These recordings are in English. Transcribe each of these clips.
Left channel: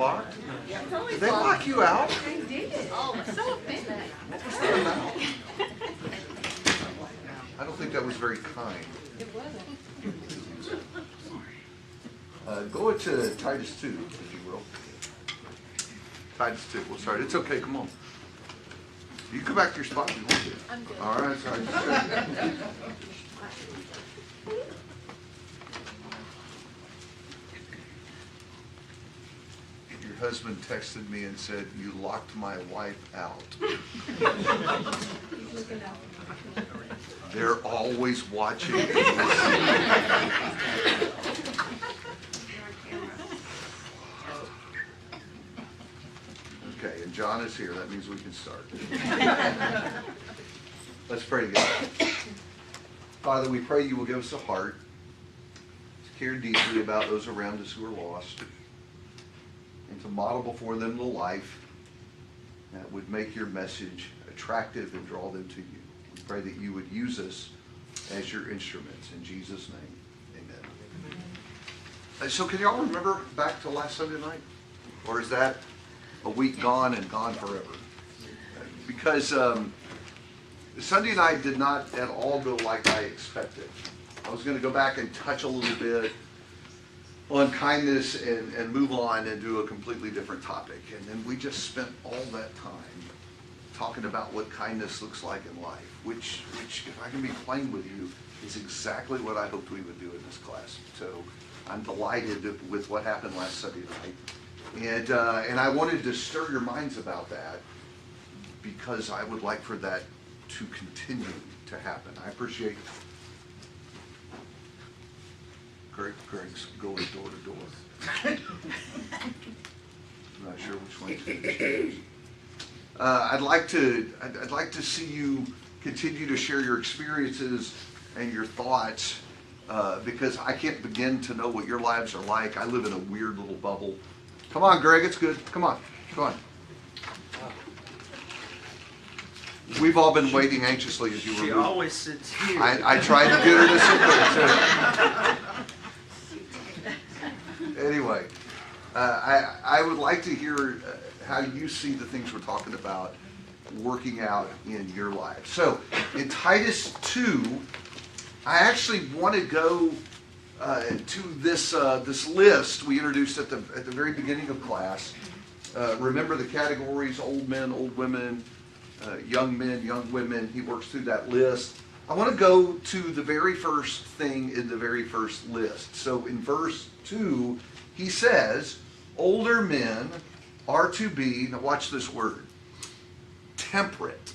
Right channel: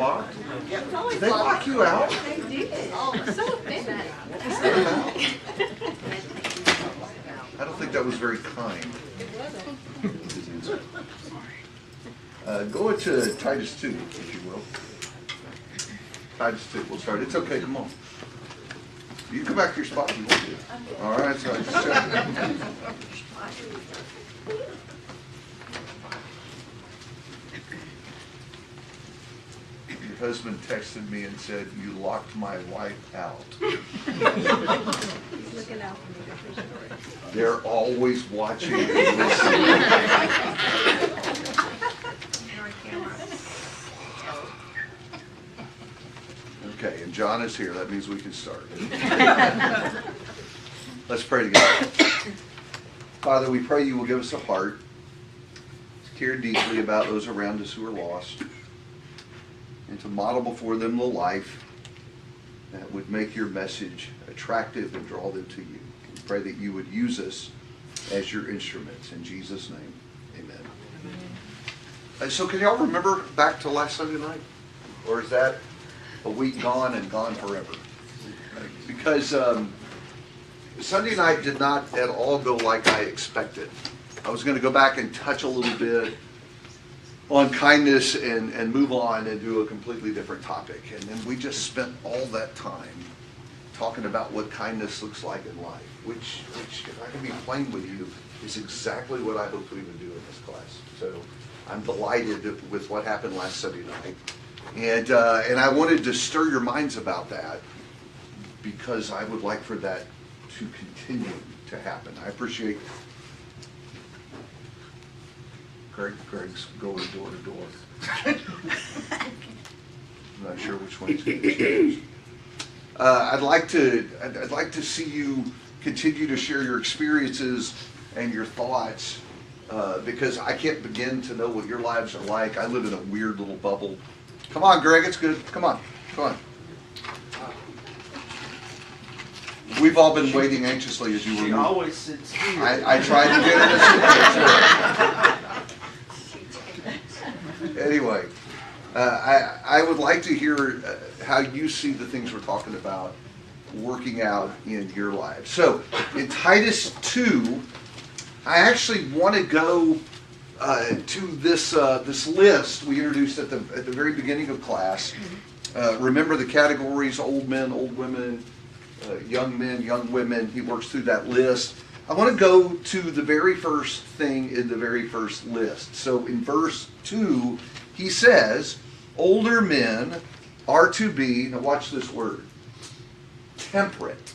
locked? Did they lock you out? They did. Oh, so offended. Let them out. I don't think that was very kind. Go to Titus 2, if you will. Titus 2, we'll start. It's okay, come on. You can come back to your spot if you want to. All right, sorry. Your husband texted me and said, "You locked my wife out." They're always watching and listening. Okay, and John is here. That means we can start. Let's pray together. Father, we pray you will give us a heart to care deeply about those around us who are lost, and to model before them the life that would make your message attractive and draw them to you. We pray that you would use us as your instruments. In Jesus' name, amen. So can y'all remember back to last Sunday night? Or is that a week gone and gone forever? Because Sunday night did not at all go like I expected. I was going to go back and touch a little bit on kindness and move on and do a completely different topic. And then we just spent all that time talking about what kindness looks like in life, which if I can be plain with you, is exactly what I hoped we would do in this class. So I'm delighted with what happened last Sunday night. And I wanted to stir your minds about that because I would like for that to continue to happen. I appreciate Greg's going door to door. I'm not sure which one to choose. I'd like to see you continue to share your experiences and your thoughts because I can't begin to know what your lives are like. I live in a weird little bubble. Come on, Greg, it's good. Come on. We've all been waiting anxiously as you were moving. She always sits here. I tried to get her to sit there too. Anyway, I would like to hear how you see the things we're talking about working out in your life. So in Titus 2, I actually want to go to this list we introduced at the very beginning of class. Remember the categories: old men, old women, young men, young women. He works through that list. I want to go to the very first thing in the very first list. So in verse 2, he says, older men are to be, now watch this word, temperate.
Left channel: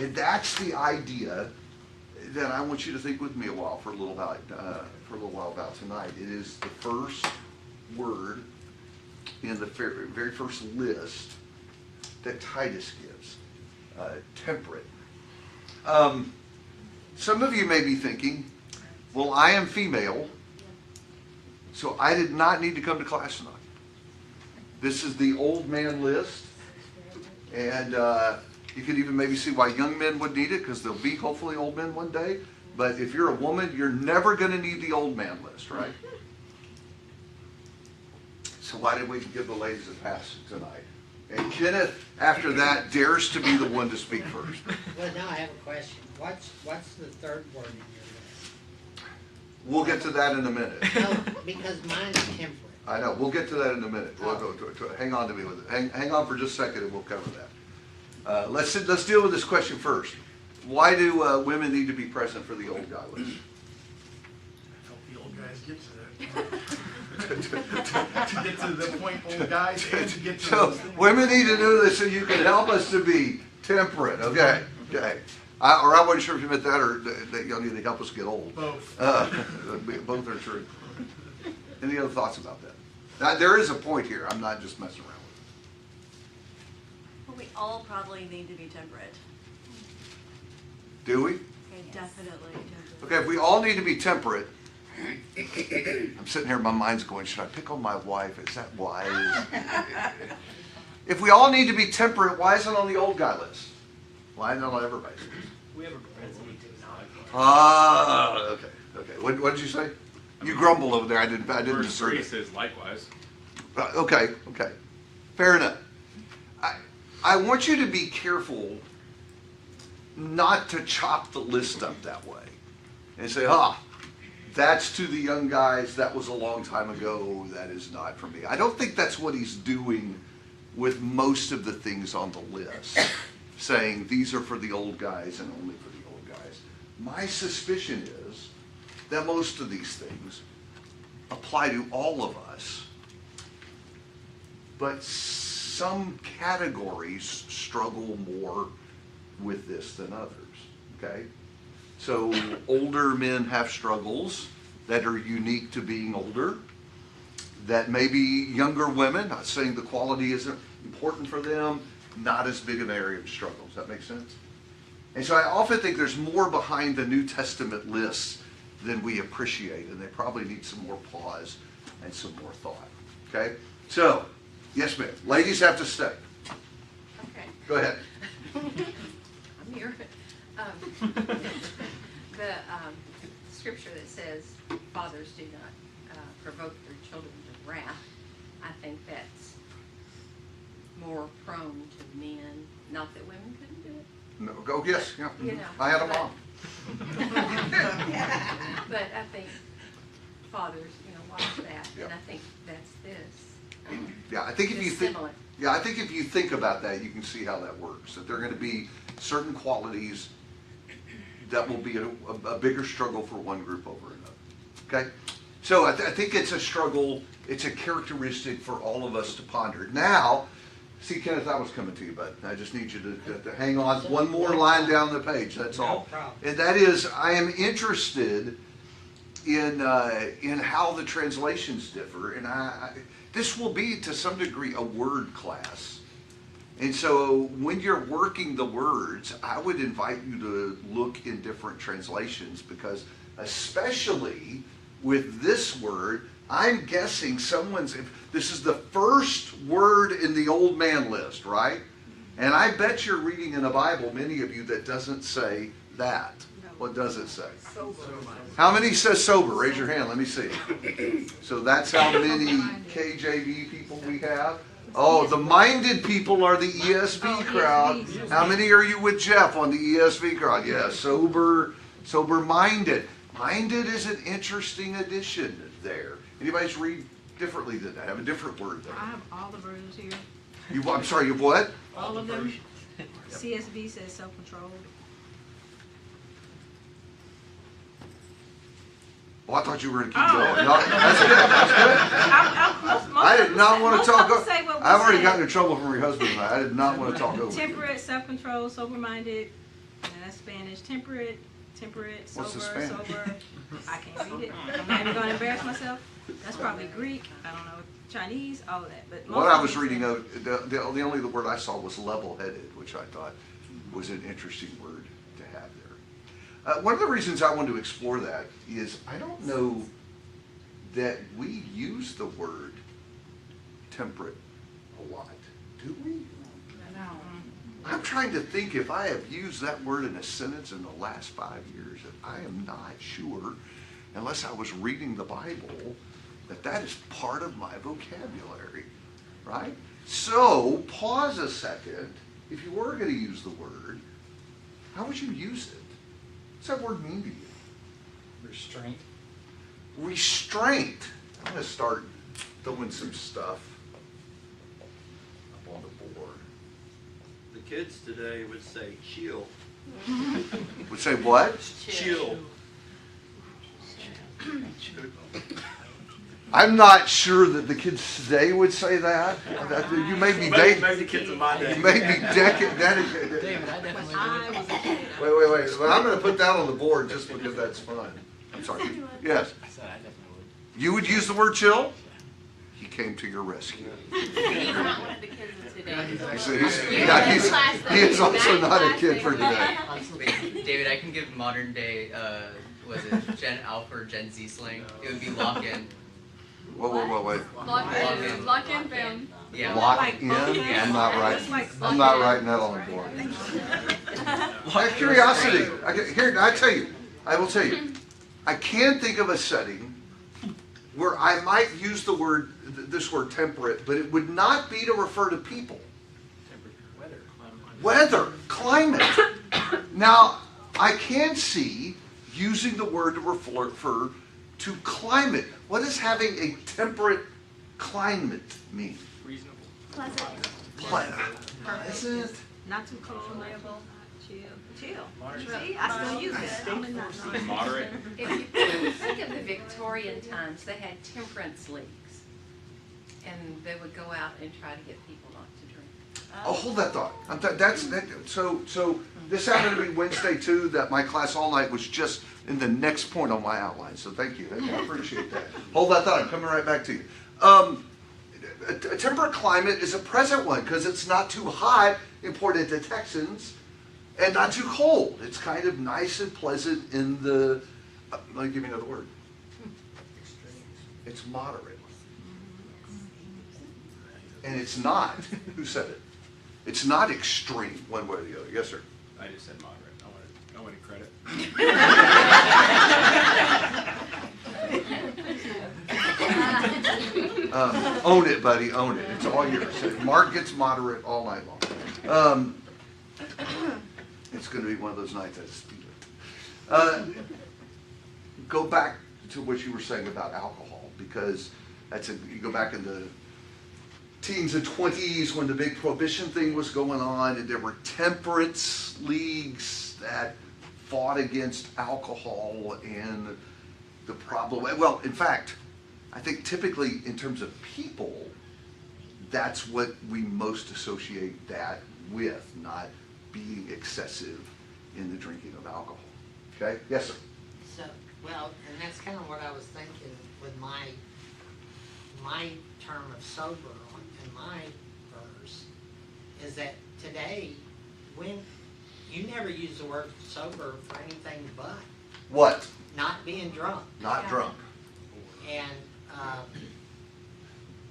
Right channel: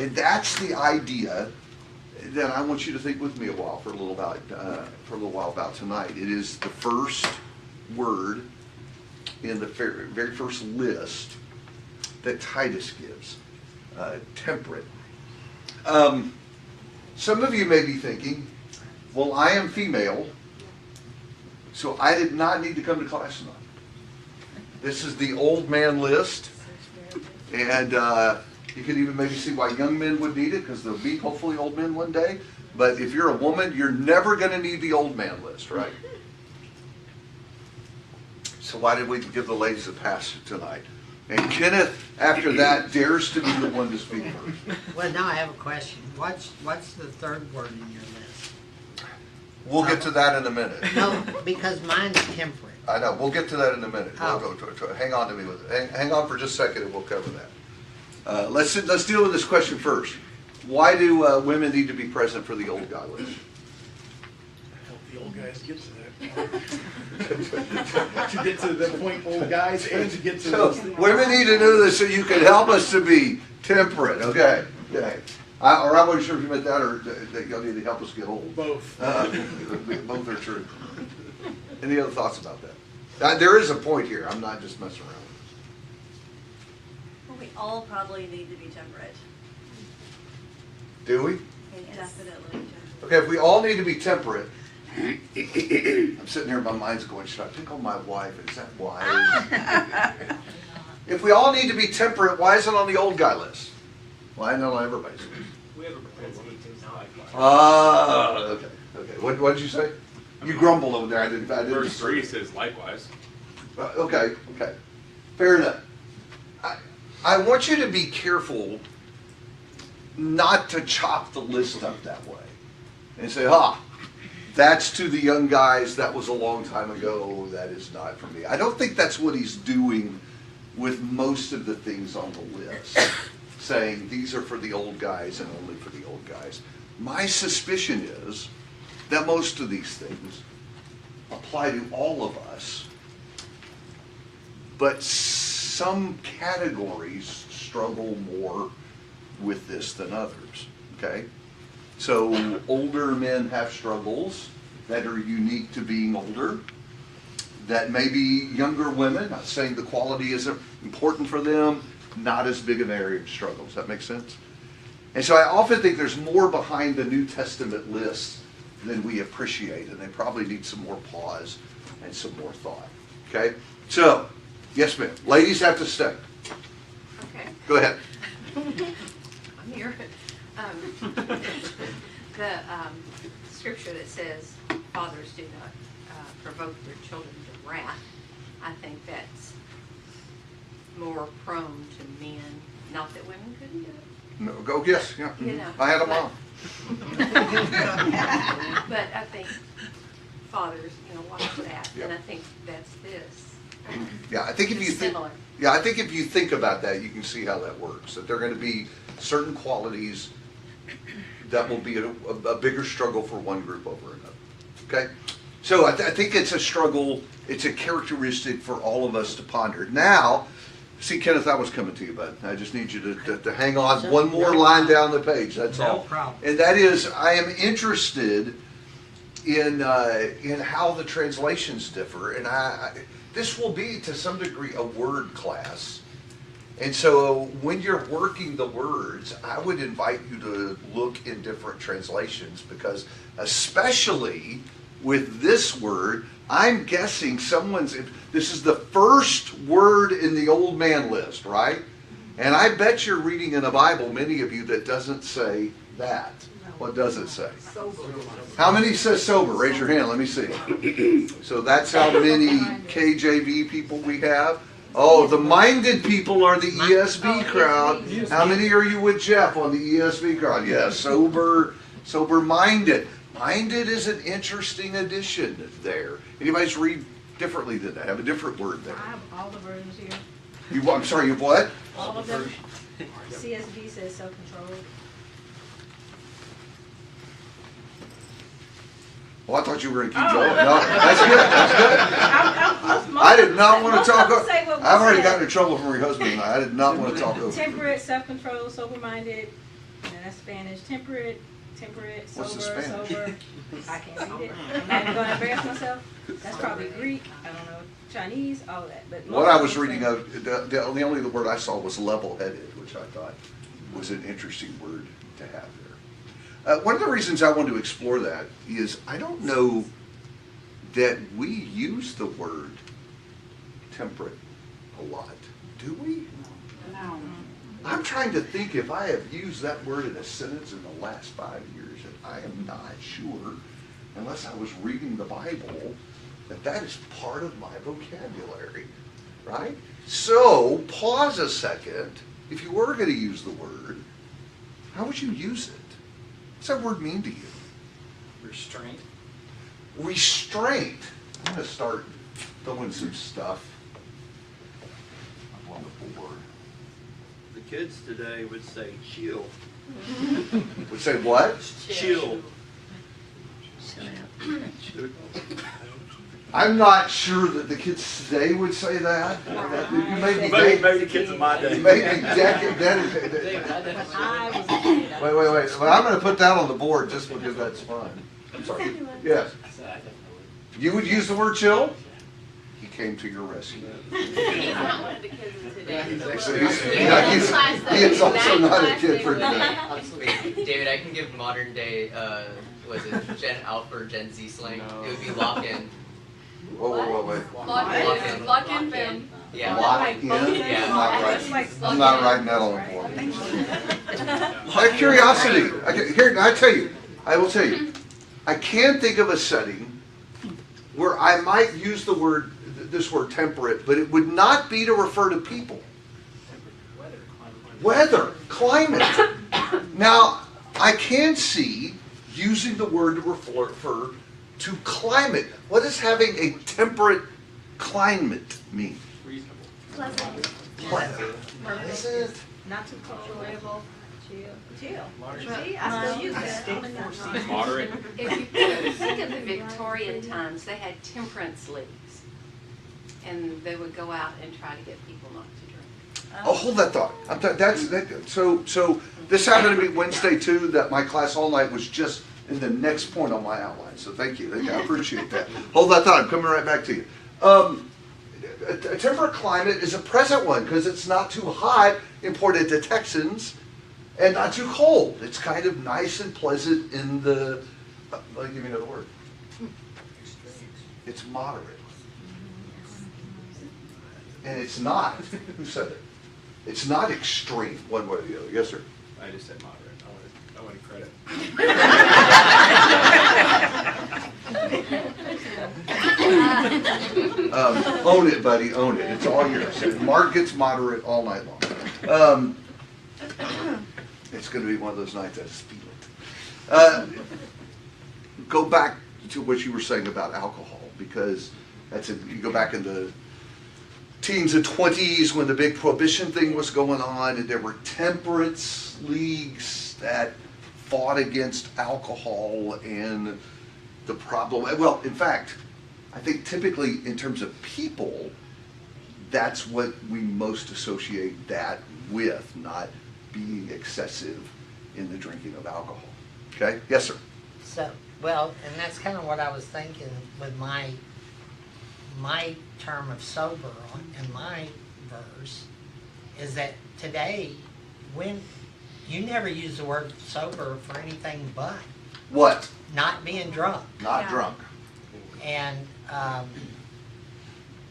And that's the idea that I want you to think with me for a little while about tonight. It is the first word in the very first list that Titus gives, temperate. Some of you may be thinking, well, I am female, so I did not need to come to class tonight. This is the old man list, and you can even maybe see why young men would need it, because there'll be hopefully old men one day. But if you're a woman, you're never going to need the old man list, right? So why did we give the ladies a pass tonight? And Kenneth, after that, dares to be the one to speak first. Well, now I have a question. What's the third word in your list? We'll get to that in a minute. No, because mine's temperate. I know. We'll get to that in a minute. Oh. We'll go to hang on to me with it. Hang on for just a second, and we'll cover that. Let's deal with this question first. Why do women need to be present for the old guy list? I hope the old guys get to that. To get to the point, old guys, and to get to So those things. women need to do this so you can help us to be temperate. Okay. I wasn't sure if you meant that or that y'all need to help us get old. Both. Both are true. Any other thoughts about that? There is a point here. I'm not just messing around with it. Well, we all probably need to be temperate. Do we? Definitely. Okay, if we all need to be temperate, I'm sitting here, my mind's going, should I pick on my wife? Is that wise? If we all need to be temperate, why is it on the old guy list? Why not on everybody's list? We have a propensity to not. Ah, okay. What did you say? You grumbled over there. I didn't Verse 3 disagree. says likewise. Okay, fair enough. I want you to be careful not to chop the list up that way and say, that's to the young guys, that was a long time ago, that is not for me. I don't think that's what he's doing with most of the things on the list, saying these are for the old guys and only for the old guys. My suspicion is that most of these things apply to all of us, but some categories struggle more with this than others, okay? So older men have struggles that are unique to being older, that maybe younger women, not saying the quality isn't important for them, not as big of an area of struggle. Does that make sense? And so I often think there's more behind the New Testament lists than we appreciate, and they probably need some more pause and some more thought, okay? So, yes ma'am, ladies have to stay. Okay, Go ahead. I'm here. The scripture that says fathers do not provoke their children to wrath, I think that's more prone to men. Not that women couldn't do it. No, go, yes, yeah. You know, I had a but- mom. But I think fathers, watch that, Yeah. and I think that's this. Yeah, I think if you It's think, similar. yeah, I think if you think about that, you can see how that works. That there are going to be certain qualities that will be a bigger struggle for one group over another. Okay, so I think it's a struggle. It's a characteristic for all of us to ponder. Now, see, Kenneth, I was coming to you, bud. I just need you to hang on one more line down the page. That's No all. problem. And that is, I am interested in how the translations differ, and this will be to some degree a word class. And so when you're working the words, I would invite you to look in different translations, because especially with this word, I'm guessing this is the first word in the old man list, right? And I bet you're reading in a Bible, many of you, that doesn't say that. What does it say? How many says sober? Raise your hand, let me see. So that's how many KJV people we have. Oh, the minded people are the ESV crowd. How many are you with Jeff on the ESV crowd? Yeah, sober-minded. Minded is an interesting addition there. Anybody's read differently than that? Have a different word there. I have all the versions here. I'm sorry, you have what? All of them. CSB says self-control. Oh, I thought you were going to keep going. No, that's good. That's good. I did not want to talk over. I've already gotten in trouble from your husband and I did not want to talk over. Temperate, self-control, sober-minded, and that's Spanish. Temperate, What's the sober, Spanish? sober. I can't read it. I'm not even going to embarrass myself. That's probably Greek. I don't know. Chinese, all of that. But most What I of was them reading, say- the only word I saw was level-headed, which I thought was an interesting word to have there. One of the reasons I want to explore that is I don't know that we use the word temperate a lot. Do we? I'm trying to think if I have used that word in a sentence in the last 5 years, and I am not sure, unless I was reading the Bible, that is part of my vocabulary, right? So, pause a second. If you were going to use the word, how would you use it? What's that word mean to you? Restraint. Restraint. I'm going to start throwing some stuff up on the board. The kids today would say chill. Would say what? Chill. I'm not sure that the kids today would say that. You may be Maybe the kids in my day. dedicated. But I was a kid. Wait. Well, I'm going to put that on the board just because that's fun. I'm sorry. Yes. You would use the word chill? He came to your rescue. He's not one of the kids in today. He is also not a kid for today. David, I can give modern day, Gen Alpha or Gen Z slang. It would be lock in. Wait. Lock in, fam. Yeah. Lock in? Yeah. I'm not writing that on the board. Out of curiosity, I will tell you, I can think of a setting where I might use the word, this word temperate, but it would not be to refer to people. Weather, climate. Now, I can see using the word to refer to climate. What does having a temperate climate mean? Pleasant. Pleasant. Not too cold, enjoyable, chill. See, I still use that. Moderate. If you think of the Victorian times, they had temperance leagues. And they would go out and try to get people not to drink. Oh, hold that thought. So this happened to be Wednesday too, that my class all night was just in the next point on my outline. So thank you. I appreciate that. Hold that thought. I'm coming right back to you. A temperate climate is a present one because it's not too hot, imported to Texans, and not too cold. It's kind of nice and pleasant in the, let me give you another word. It's moderate. And it's not, who said it? It's not extreme one way or the other. Yes, sir. I just said moderate. I wanted credit. Own it, buddy, own it. It's all yours. Mark gets moderate all night long. It's going to be one of those nights I just feel it. Go back to what you were saying about alcohol, because you go back in the teens and 20s when the big prohibition thing was going on, and there were temperance leagues that fought against alcohol and the problem. Well, in fact, I think typically in terms of people, that's what we most associate that with, not being excessive in the drinking of alcohol. Okay? Yes, sir. So, well, and that's kind of what I was thinking with my term of sober in my verse, is that today, when you never use the word sober for anything but What? not being drunk. Not Yeah. drunk. And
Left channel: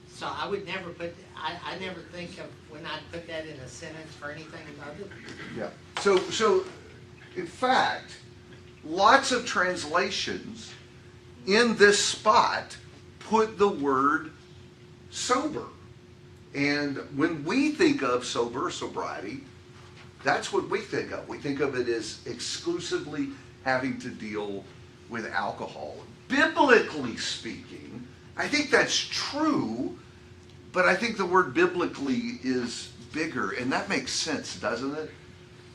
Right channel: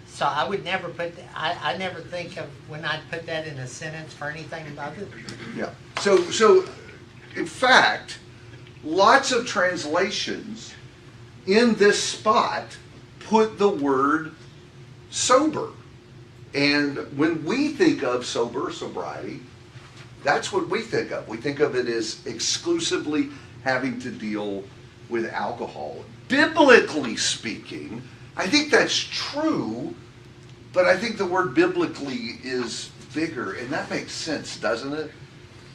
so I would never I never think of when I put that in a sentence for anything other. Yeah. So in fact, lots of translations in this spot put the word sober. And when we think of sobriety, that's what we think of. We think of it as exclusively having to deal with alcohol. Biblically speaking, I think that's true, but I think the word biblically is bigger, and that makes sense, doesn't it?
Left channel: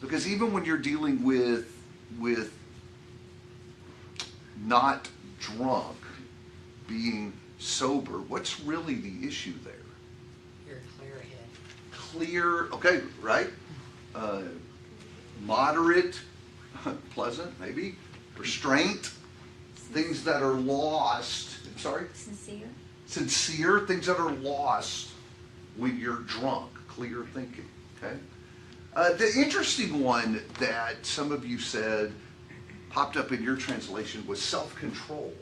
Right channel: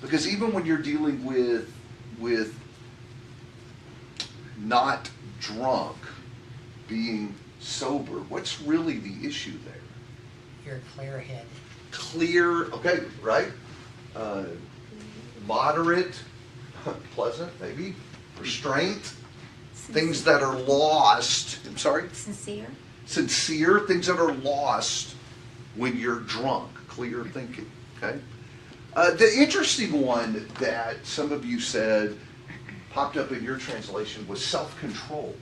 Because even when you're dealing with not drunk, being sober, what's really the issue there? You're clear-headed. Clear, okay, right? Moderate, pleasant, maybe, restraint, things that are lost. I'm sorry? Sincere. Sincere, things that are lost when you're drunk. Clear thinking, okay? The interesting one that some of you said popped up in your translation was self-control.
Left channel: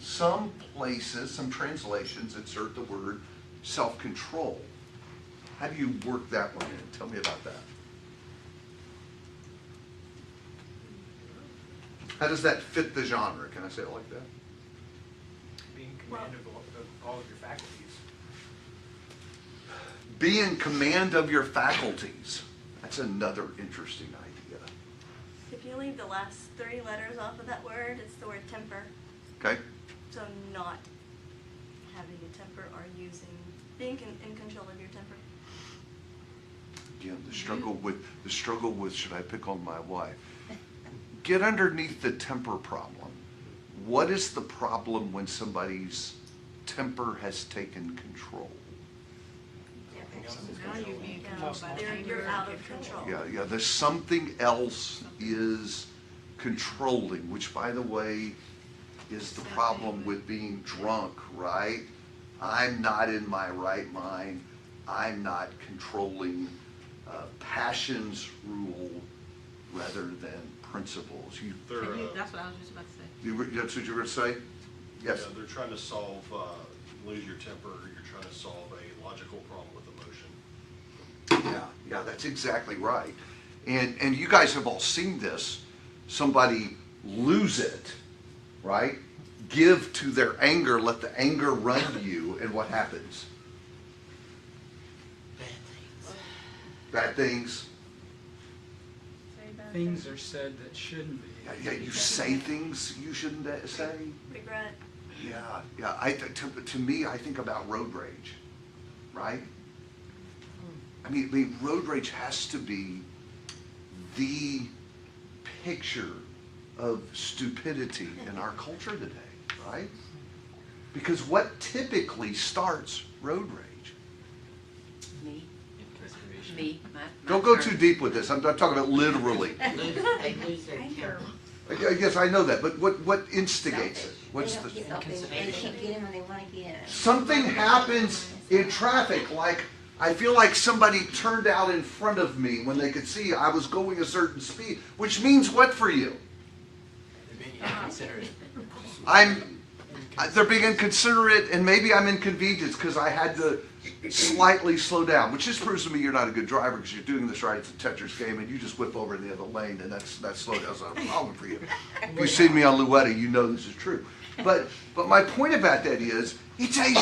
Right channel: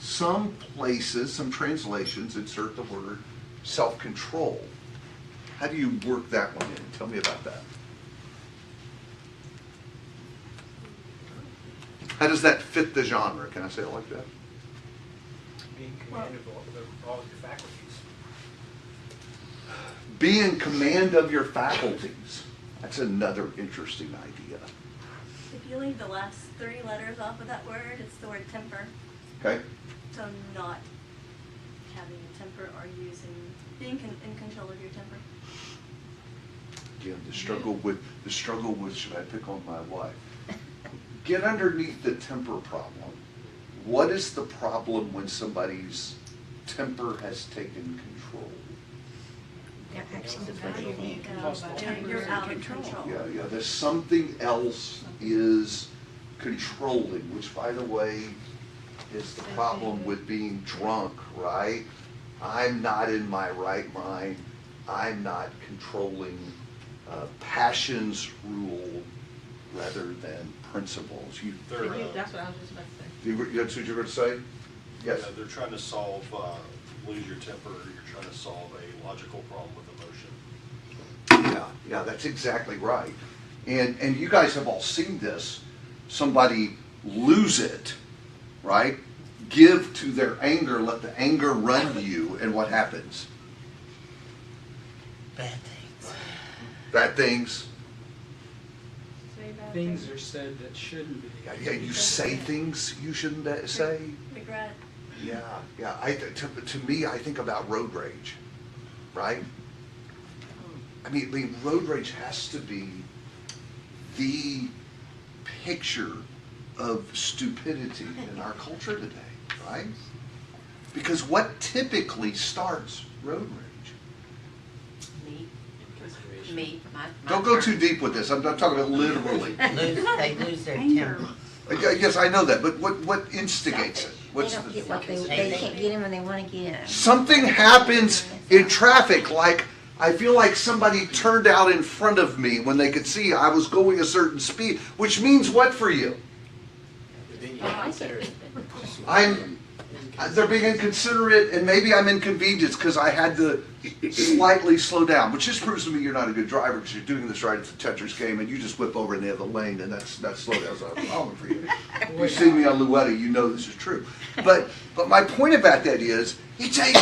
Some places, some translations insert the word self-control. How do you work that one in? Tell me about that. How does that fit the genre? Can I say it like that? Being commanded of all of your faculties. Be in command of your faculties. That's another interesting idea. If you leave the last 3 letters off of that word, it's the word temper. Okay? So not having a temper or being in control of your temper. Yeah, the struggle with should I pick on my wife? Get underneath the temper problem. What is the problem when somebody's temper has taken control? You're out of control. Yeah, there's something else is controlling, which by the way is the problem with being drunk, right? I'm not in my right mind. I'm not controlling. Passions rule rather than principles. That's what I was just about to say. That's what you were going to say? Yes. Yeah, they're trying to solve, lose your temper, you're trying to solve a logical problem with emotion. Yeah, that's exactly right. And you guys have all seen this. Somebody lose it right? Give to their anger, let the anger run you, and what happens? Bad things. Bad things. Things are said that shouldn't be. Yeah, you say things you shouldn't say. Regret. Yeah. To me, I think about road rage, right? I mean, road rage has to be the picture of stupidity in our culture today, right? Because what typically starts road rage? Me. Don't go too deep with this. I'm talking about literally. They lose their temper. Yes, I know that, but what instigates it? What's They don't the? get what they can't get them and they want to get them. Something happens in traffic, like I feel like somebody turned out in front of me when they could see I was going a certain speed, which means what for you? They're being inconsiderate, and maybe I'm inconvenienced because I had to slightly slow down, which just proves to me you're not a good driver because you're doing this right as the Tetris game and you just whip over in the other lane, and that's slow down. So I'm calling for you. If you see me on Luetti, you know this is true. But my point about that is it's a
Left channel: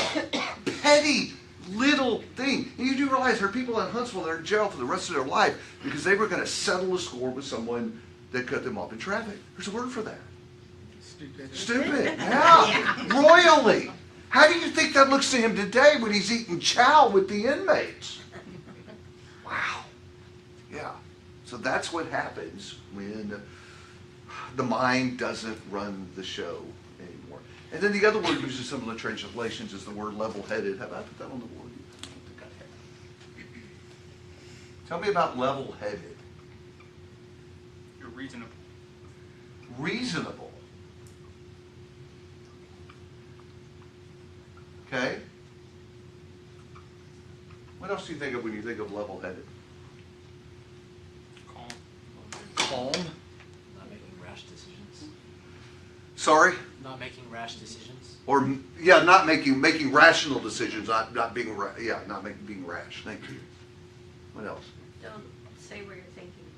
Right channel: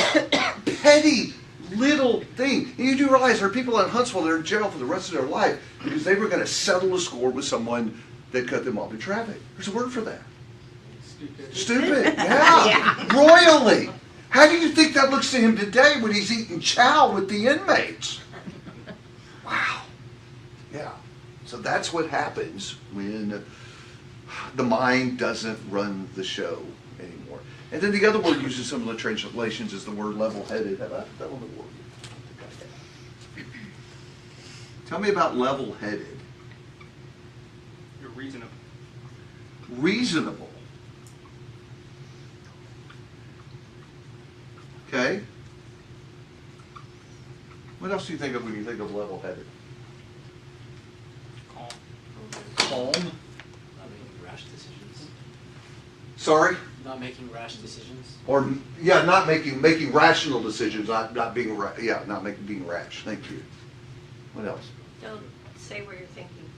petty little thing. And you do realize there are people in Huntsville that are in jail for the rest of their life because they were going to settle a score with someone that cut them off in traffic. There's a word for that. Stupid, yeah. Royally. How do you think that looks to him today when he's eating chow with the inmates? Wow. Yeah. So that's what happens when the mind doesn't run the show anymore. And then the other word used in some of the translations is the word level-headed. How about that on the word? Tell me about level-headed. You're reasonable. Reasonable. Okay? What else do you think of when you think of level-headed? Calm. Not making rash decisions. Sorry? Not making rash decisions. Or, yeah, not making rational decisions, not being, being rash. Thank you. What else? Don't say what you're thinking.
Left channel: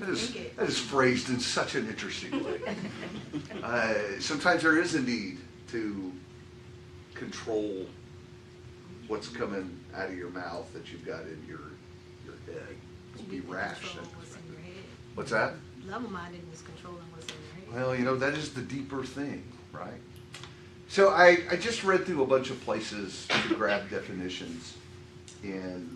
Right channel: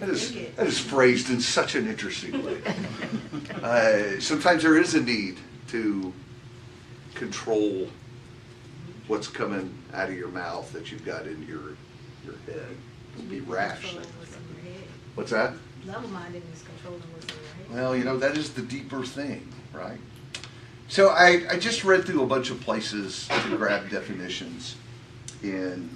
That is phrased in such an interesting way. Sometimes there is a need to control what's coming out of your mouth that you've got in your head. Be rash. Control what's in your head. What's that? Level-minded is controlling what's in your head. Well, that is the deeper thing, right? So I just read through a bunch of places to grab definitions and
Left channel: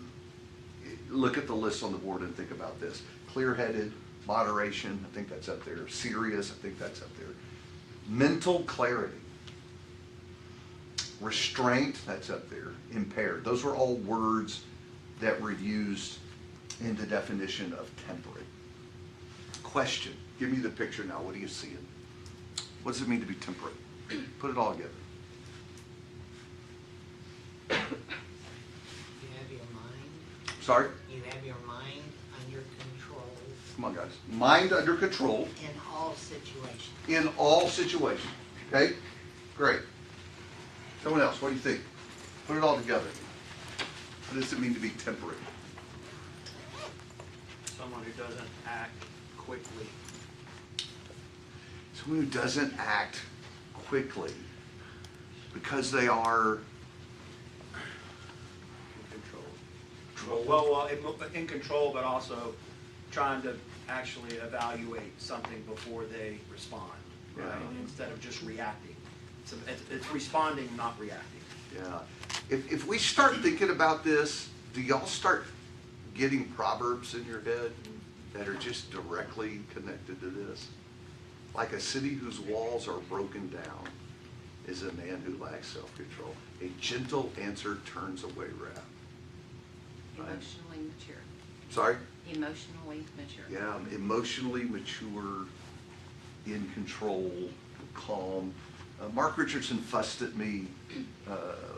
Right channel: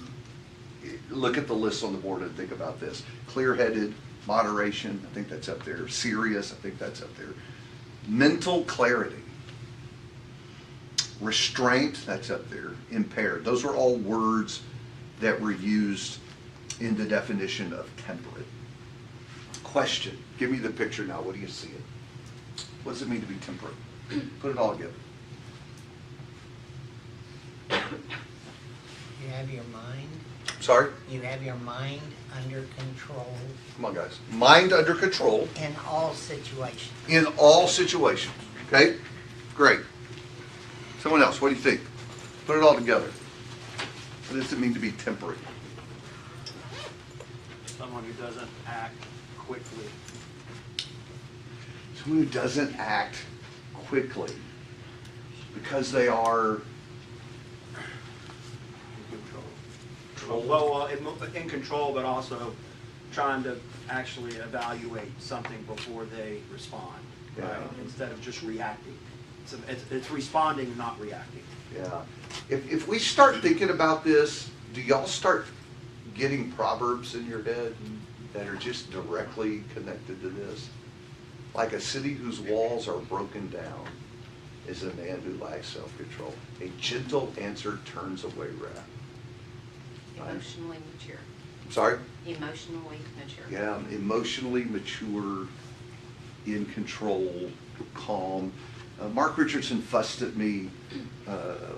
look at the list on the board and think about this. Clear-headed, moderation, I think that's up there. Serious, I think that's up there. Mental clarity. Restraint, that's up there. Impaired. Those were all words that were used in the definition of temperate. Question. Give me the picture now. What do you see? What does it mean to be temperate? Put it all together. You have your mind. Sorry? You have your mind under control Come on, guys. Mind under control. in all situations. In all situations. Okay? Great. Someone else, what do you think? Put it all together. What does it mean to be temperate? Someone who doesn't act quickly. Someone who doesn't act quickly because they are In control. Well, in control, but also trying to actually evaluate something before they respond, right? Yeah. Instead of just reacting. It's responding, not reacting. Yeah. If we start thinking about this, do y'all start getting proverbs in your head that are just directly connected to this? Like a city whose walls are broken down is a man who lacks self-control. A gentle answer turns away wrath. Right? Emotionally mature. Sorry? Emotionally mature. Yeah, emotionally mature, in control, calm. Mark Richardson fussed at me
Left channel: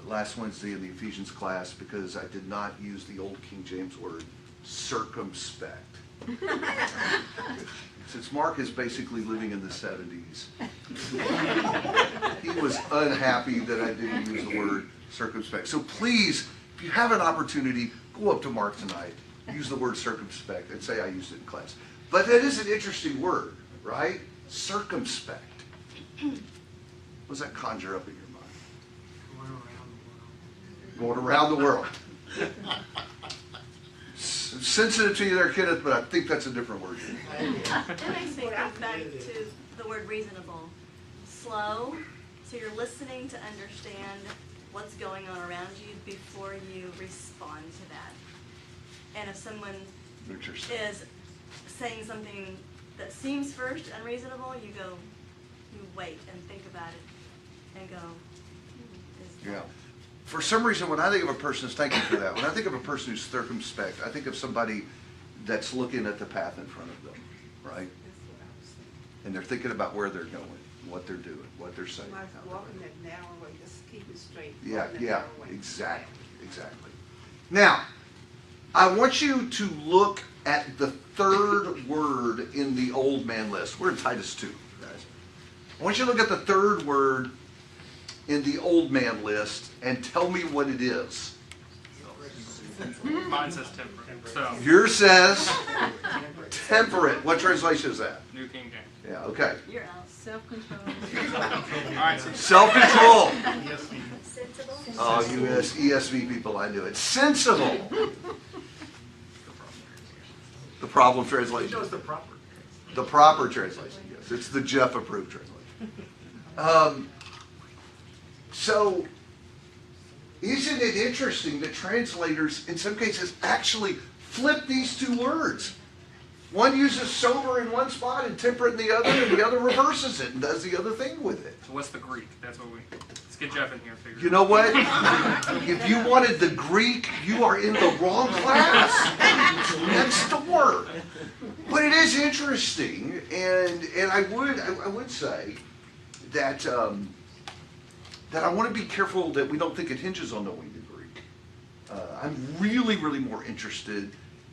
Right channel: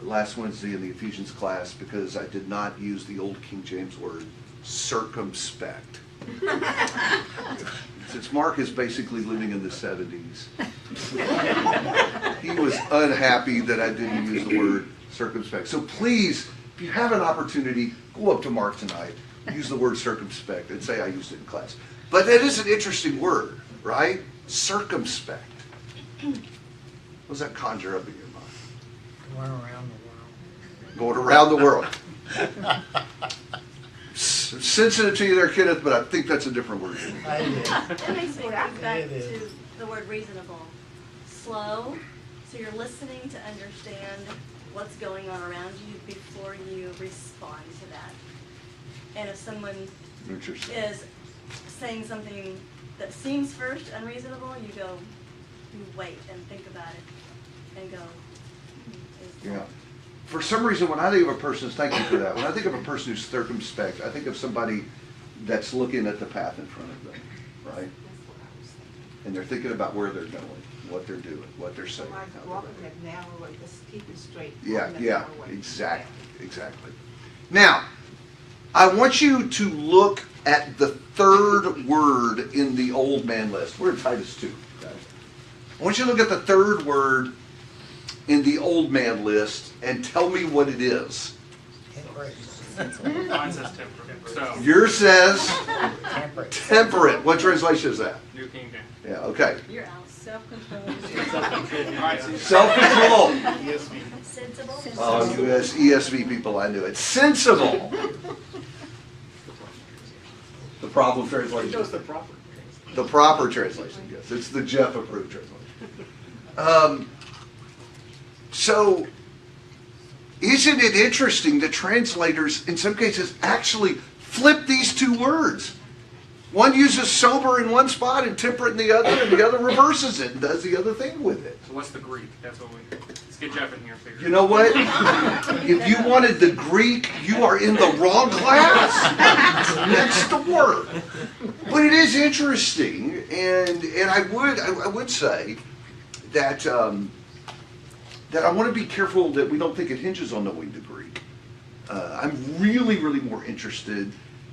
last Wednesday in the Ephesians class because I did not use the old King James word, circumspect. Since Mark is basically living in the 70s, he was unhappy that I didn't use the word circumspect. So please, if you have an opportunity, go up to Mark tonight, use the word circumspect, and say I used it in class. But that is an interesting word, right? Circumspect. What does that conjure up in your mind? Going around the world. Going around the world. Sensitive to you there, Kenneth, but I think that's a different word. It makes me think back It is. to the word reasonable. Slow, so you're listening to understand what's going on around you before you respond to that. And if someone Interesting. is saying something that seems first unreasonable, you wait and think about it and go, Yeah. For some reason, when I think of a person, thank you for that, when I think of a person who's circumspect, I think of somebody that's looking at the path in front of them, right? And they're thinking about where they're going, what they're doing, what they're saying. Like how they're walking doing. that narrow way, just keep it straight. Yeah, walking that yeah, narrow way. exactly. Now, I want you to look at the third word in the old man list. We're in Titus 2, guys. I want you to look at the third word in the old man list and tell me what it is. Mine says temperate. So, Yours says Temperate. temperate. What translation is that? New King James. Yeah, okay. you're out. Self-control. All right, so Self-control. Sensible. Oh, you guys, ESV people, I knew it. Sensible. The problem it translation. goes the proper. The proper translation, yes. It's the Jeff approved translation. So, isn't it interesting that translators, in some cases, actually flip these two words? One uses sober in one spot and temperate in the other, and the other reverses it and does the other thing with it. So what's the Greek? That's what let's get Jeff in here. Figure You know what? If you wanted the Greek, you are in the wrong class. Next door. But it is interesting, and I would say that that I want to be careful that we don't think it hinges on knowing the Greek. I'm really more interested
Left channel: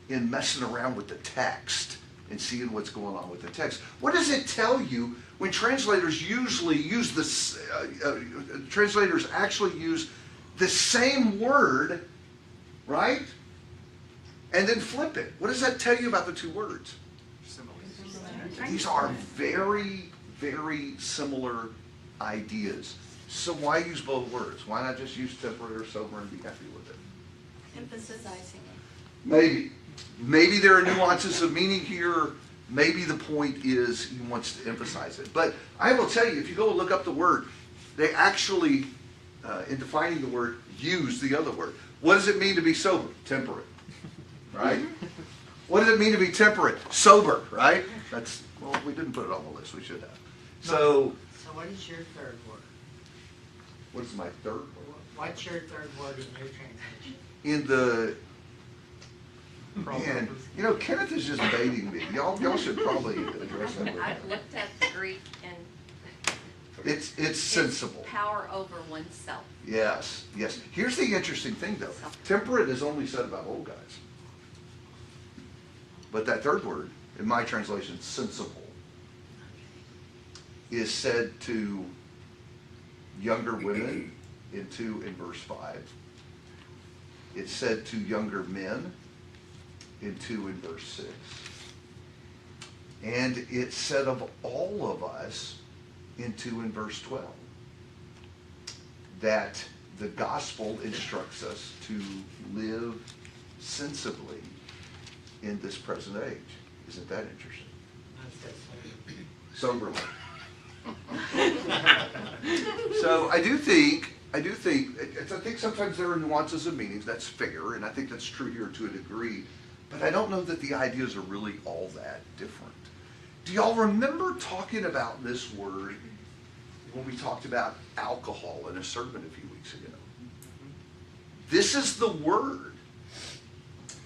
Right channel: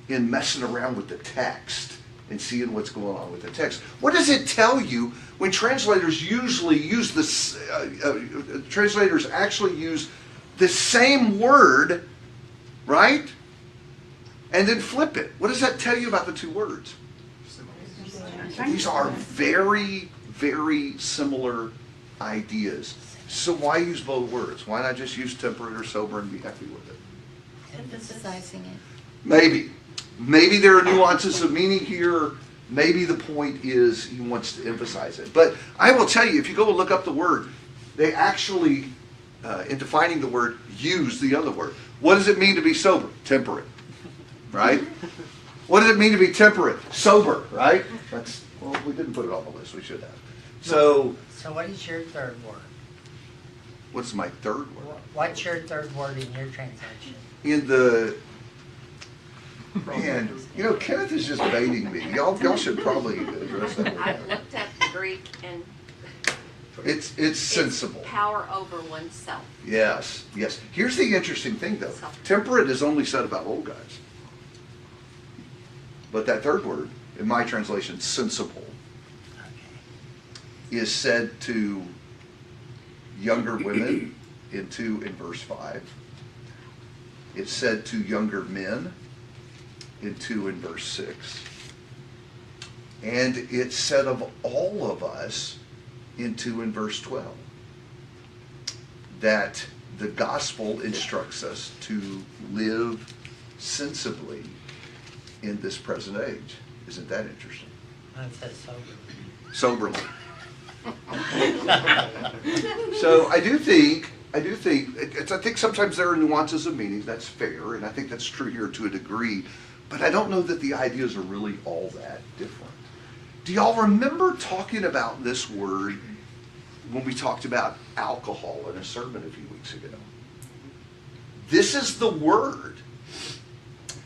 in messing around with the text and seeing what's going on with the text. What does it tell you when translators usually use this? Translators actually use the same word, right? And then flip it. What does that tell you about the two words? These are very similar ideas. So why use both words? Why not just use temperate or sober and be happy with it? Emphasizing it. Maybe there are nuances of meaning here. Maybe the point is he wants to emphasize it. But I will tell you, if you go look up the word, they actually, in defining the word, use the other word. What does it mean to be sober? Temperate, right? What does it mean to be temperate? Sober, right? Well, we didn't put it on the list. We should have. So what is your third word? what's my third word? What's your third word in your translation? In the, man, Kenneth is just baiting me. Y'all should probably address that I word. looked at the Greek and It's sensible. power over oneself. Yes. Here's the interesting thing, though. Temperate is only said about old guys. But that third word, in my translation, sensible, is said to younger women in verse 5. It's said to younger men in verse 6. And it's said of all of us in verse 12. That the gospel instructs us to live sensibly in this present age. Isn't that interesting? Mine says sober. Soberly. So I think sometimes there are nuances of meanings. That's fair, and I think that's true here to a degree. But I don't know that the ideas are really all that different. Do y'all remember talking about this word when we talked about alcohol in a sermon a few weeks ago? This is the word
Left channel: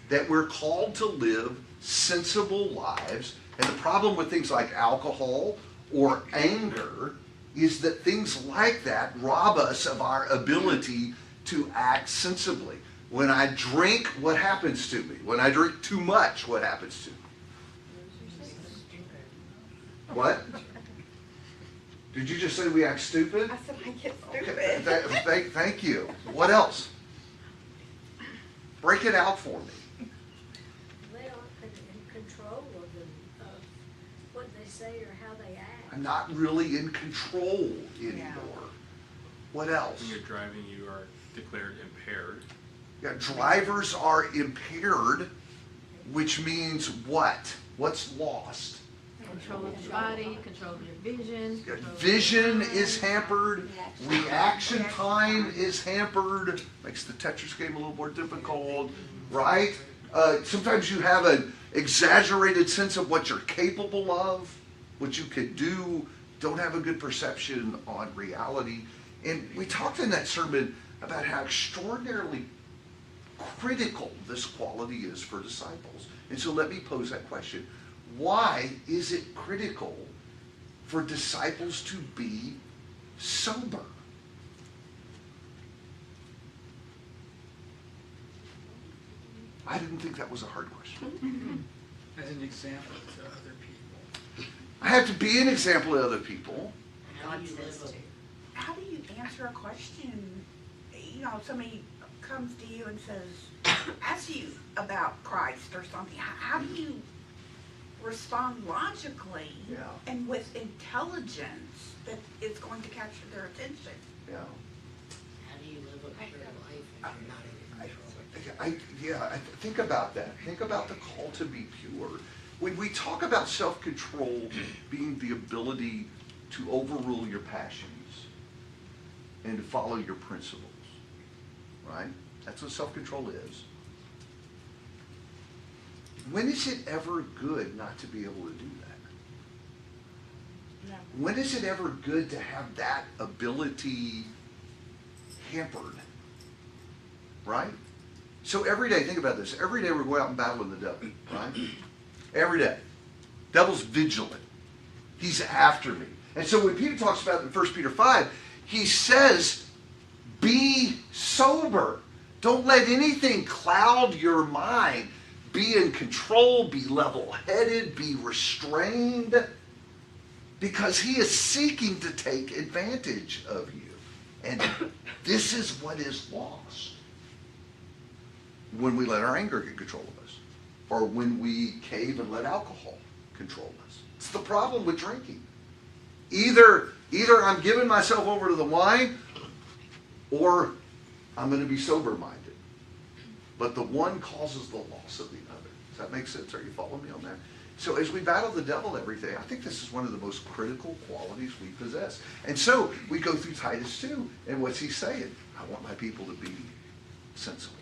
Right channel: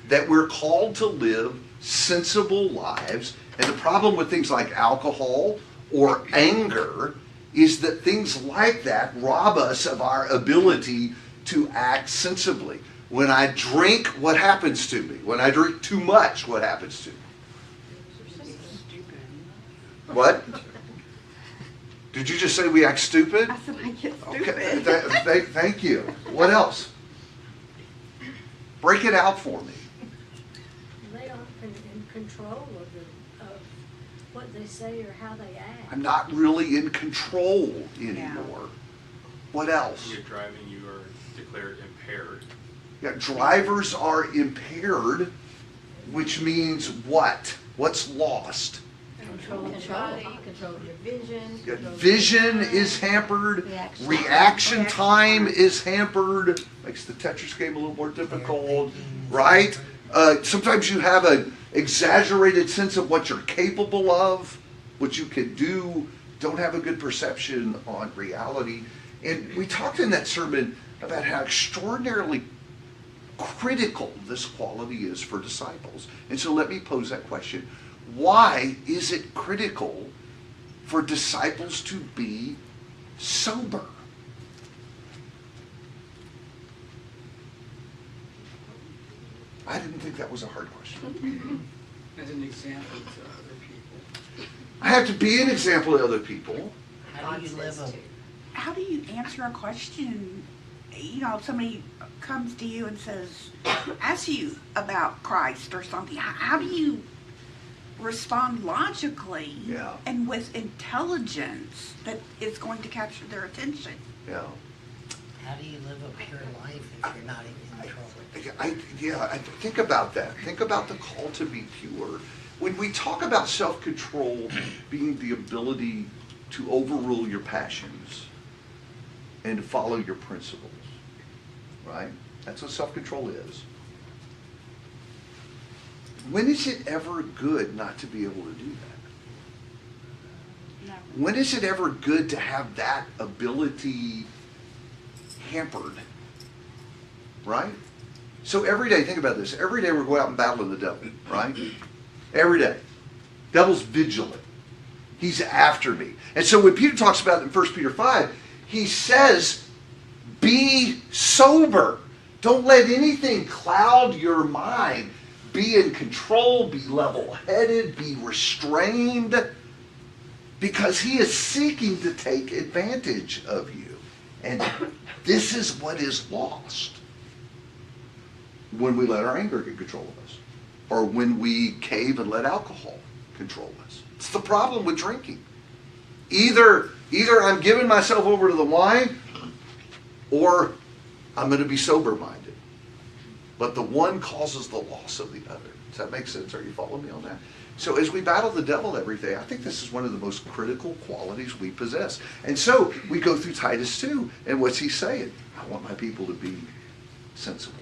that we're called to live sensible lives. And the problem with things like alcohol or anger is that things like that rob us of our ability to act sensibly. When I drink, what happens to me? When I drink too much, what happens to me? What? Did you just say we act stupid? I said I get Okay, stupid. thank you. What else? Break it out for me. They aren't in control of what they say or how they act. I'm not really in control anymore. What else? When you're driving, you are declared impaired. Yeah, drivers are impaired, which means what? What's lost? Control of your body, control of your vision. Yeah, control of vision your mind. is hampered. Reaction. Reaction time is hampered. Makes the Tetris game a little more difficult, right? Sometimes you have an exaggerated sense of what you're capable of, what you can do. Don't have a good perception on reality. And we talked in that sermon about how extraordinarily critical this quality is for disciples. And so let me pose that question. Why is it critical for disciples to be sober? I didn't think that was a hard question. As an example to other people. I have to be an example to other people. How do you God live says a, to. How do you answer a question? You know, somebody comes to you and says, asks you about Christ or something. How do you respond logically Yeah. and with intelligence that is going to capture their attention? Yeah. how do you live a pure life if you're not in control? Think about that. Think about the call to be pure. When we talk about self-control being the ability to overrule your passions and to follow your principles, right? That's what self-control is. When is it ever good not to be able to do that? No. When is it ever good to have that ability hampered? Right? So every day, think about this. Every day we're going out and battling the devil, right? Every day. Devil's vigilant. He's after me. And so when Peter talks about it in 1 Peter 5, he says, be sober. Don't let anything cloud your mind. Be in control, be level-headed, be restrained, because he is seeking to take advantage of you. And this is what is lost when we let our anger get control of us, or when we cave and let alcohol control us. It's the problem with drinking. Either I'm giving myself over to the wine, or I'm going to be sober-minded. But the one causes the loss of the other. Does that make sense? Are you following me on that? So as we battle the devil every day, I think this is one of the most critical qualities we possess. And so we go through Titus 2, and what's he saying? I want my people to be sensible.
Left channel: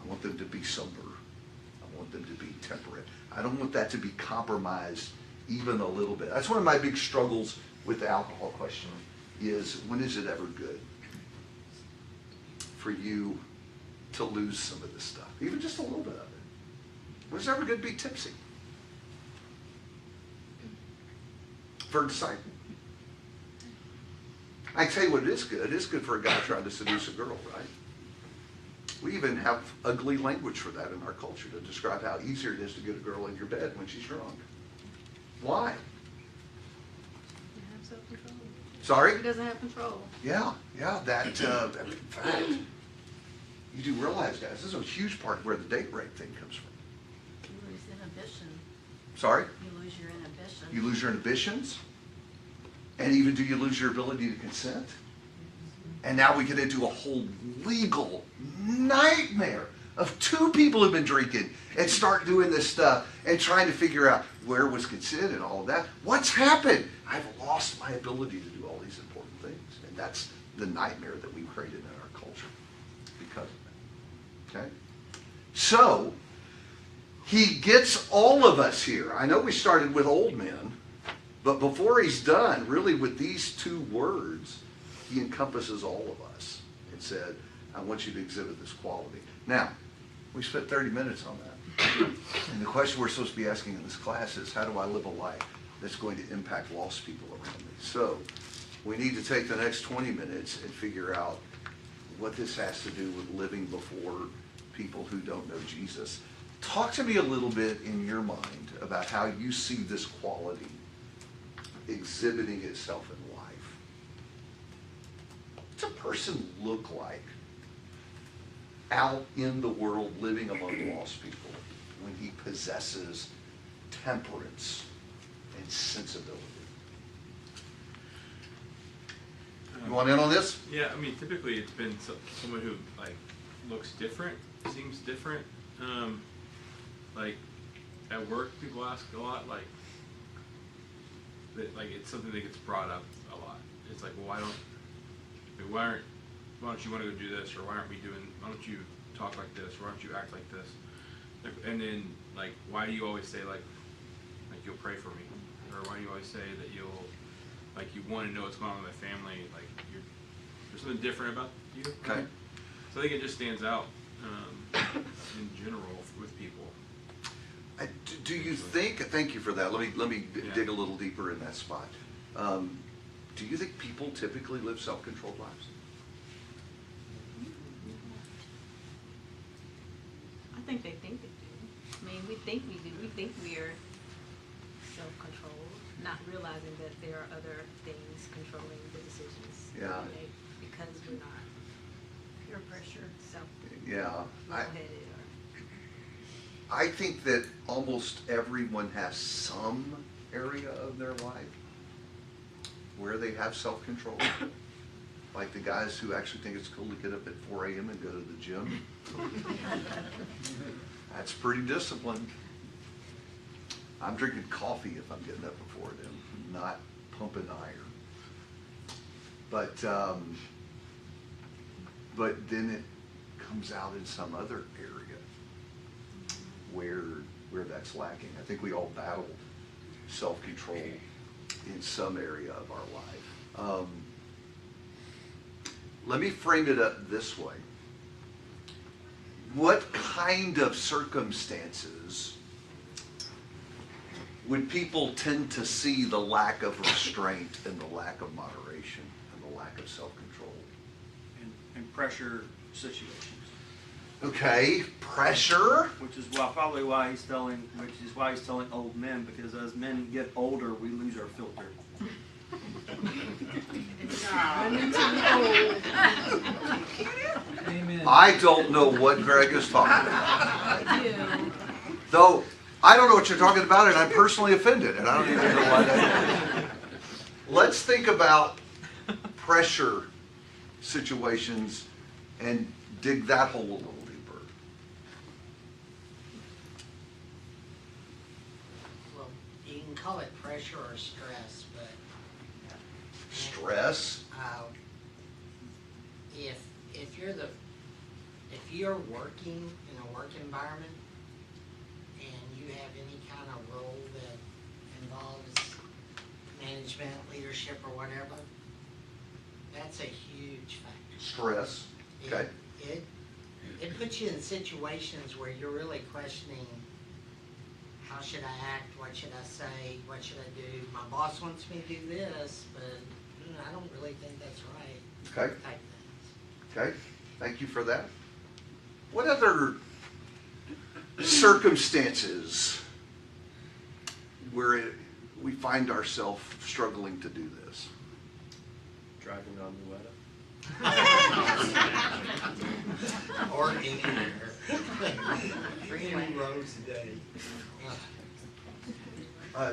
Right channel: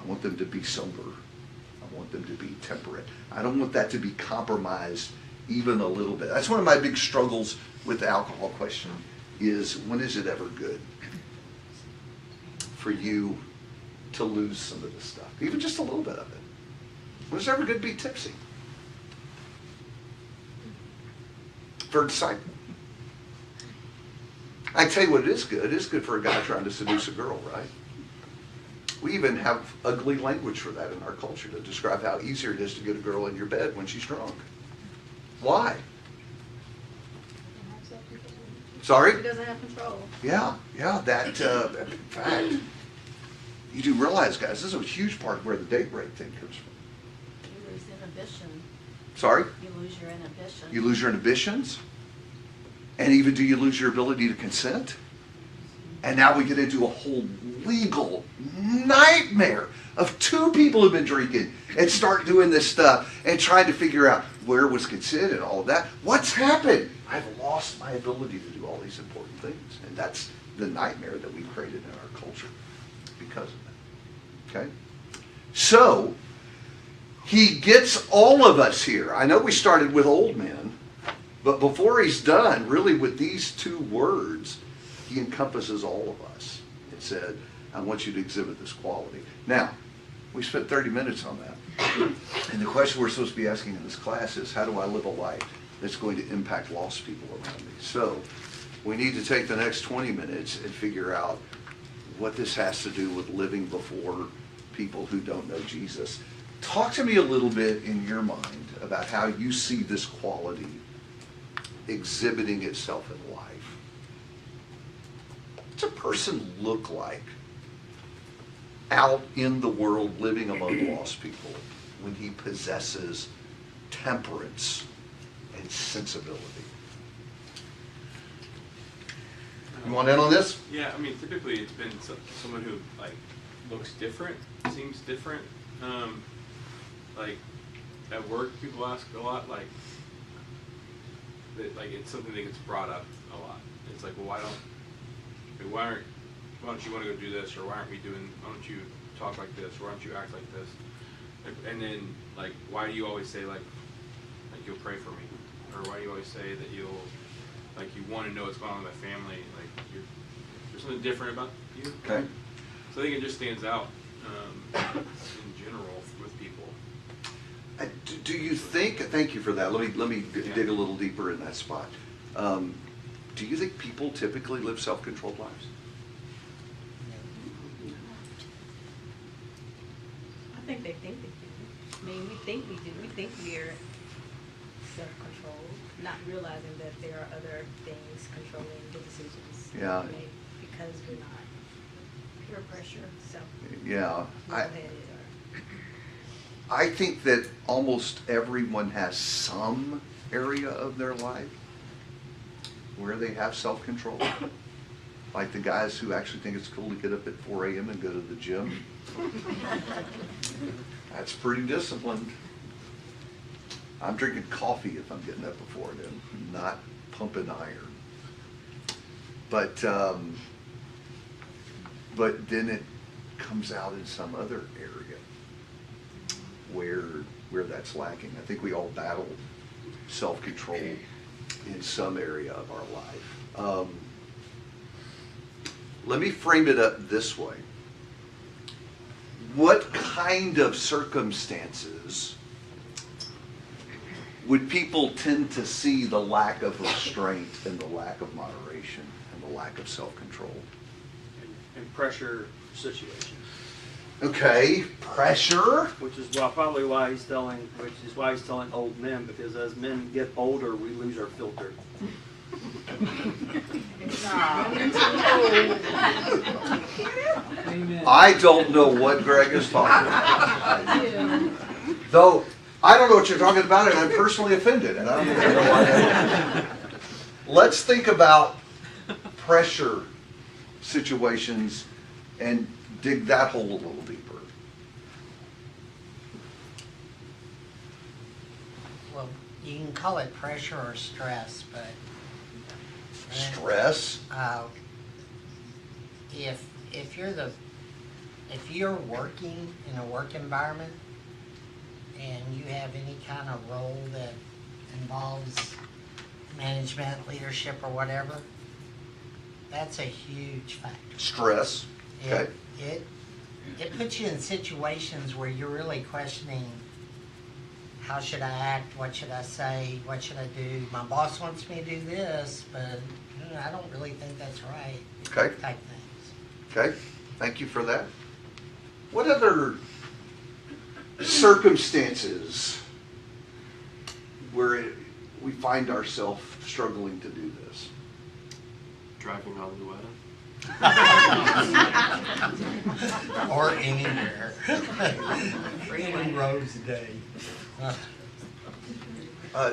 I want them to be sober. I want them to be temperate. I don't want that to be compromised even a little bit. That's one of my big struggles with the alcohol question, is when is it ever good for you to lose some of this stuff, even just a little bit of it? When is it ever good to be tipsy? For a disciple. I tell you what, it is good. It is good for a guy trying to seduce a girl, right? We even have ugly language for that in our culture to describe how easier it is to get a girl in your bed when she's drunk. Why? Sorry? He doesn't have control. Yeah, that, in fact, you do realize, guys, this is a huge part of where the date rape thing comes from. You lose inhibition. Sorry? You lose your inhibition. You lose your inhibitions? And even do you lose your ability to consent? And now we get into a whole legal nightmare of two people who've been drinking and start doing this stuff and trying to figure out where was consent and all of that. What's happened? I've lost my ability to do all these important things. And that's the nightmare that we've created in our culture because of that. Okay? So, he gets all of us here. I know we started with old men, but before he's done, really with these two words, he encompasses all of us. It said, I want you to exhibit this quality. Now, we spent 30 minutes on that. And the question we're supposed to be asking in this class is, how do I live a life that's going to impact lost people around me? So, we need to take the next 20 minutes and figure out what this has to do with living before people who don't know Jesus. Talk to me a little bit in your mind about how you see this quality exhibiting itself in life. What's a person look like out in the world living among lost people when he possesses temperance and sensibility. You want in on this? Yeah, I mean, typically it's been someone who like looks different, seems different. Like at work, people ask a lot, like it's something that gets brought up a lot. It's like, well, why don't you want to go do this, or why don't you talk like this, or why don't you act like this? Like, and then like, why do you always say like you'll pray for me, or why do you always say that you want to know what's going on with my family? Like there's something different about you. Okay. So I think it just stands out in general with people. Do you think? Thank you for that. Let me dig a little deeper in that spot. Do you think people typically live self-controlled lives? I think they think they do. I mean, we think we do. We think we're self-controlled, not realizing that there are other things controlling the decisions. Yeah. we make because we're not peer pressure, so Yeah. level-headed or. I think that almost everyone has some area of their life where they have self-control. Like the guys who actually think it's cool to get up at 4 a.m. and go to the gym. That's pretty disciplined. I'm drinking coffee if I'm getting up before then, not pumping iron. But then it comes out in some other area where that's lacking. I think we all battle self-control in some area of our life. Let me frame it up this way. What kind of circumstances would people tend to see the lack of restraint and the lack of moderation and the lack of self-control? And pressure situations. Okay, pressure. Which is why he's telling old men, because as men get older, we lose our filter. I don't know what Greg is talking about. Though, I don't know what you're talking about, and I'm personally offended, and I don't think I know why. Let's think about pressure situations and dig that hole a little deeper. Well, you can call it pressure or stress, but. Stress? If you're working in a work environment and you have any kind of role that involves management, leadership, or whatever, that's a huge factor. Stress, okay. It puts you in situations where you're really questioning, how should I act, what should I say, what should I do? My boss wants me to do this, but I don't really think that's right. Okay. Type things. Okay, thank you for that. What other circumstances where we find ourselves struggling to do this? Driving on Luetta. Or anywhere. 3 rows a day.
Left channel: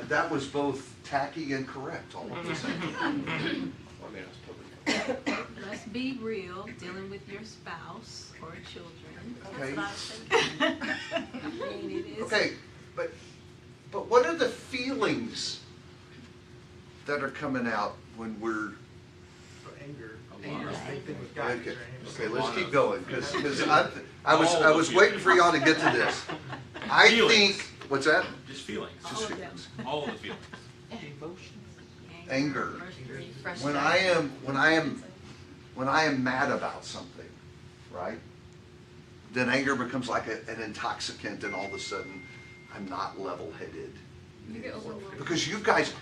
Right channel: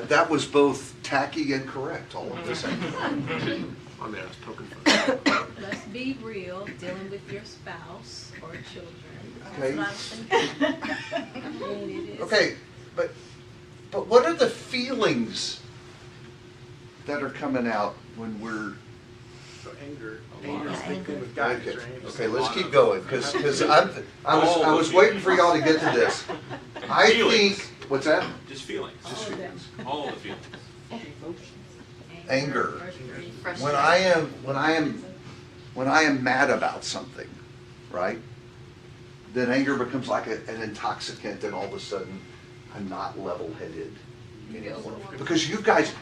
That was both tacky and correct all at the same time. I mean, I was poking fun. Let's be real, dealing with your spouse or children. Okay. I mean, it is. Okay, but what are the feelings that are coming out when we're Anger. Anger's a big thing with guys, okay? right? Okay, let's keep going because I was waiting for y'all to get to this. I think what's that? Just feelings. Just feelings. All of the feelings. Anger. When Frustration. I am mad about something, right? Then anger becomes like an intoxicant, and all of a sudden, I'm not level-headed anymore. Because you guys,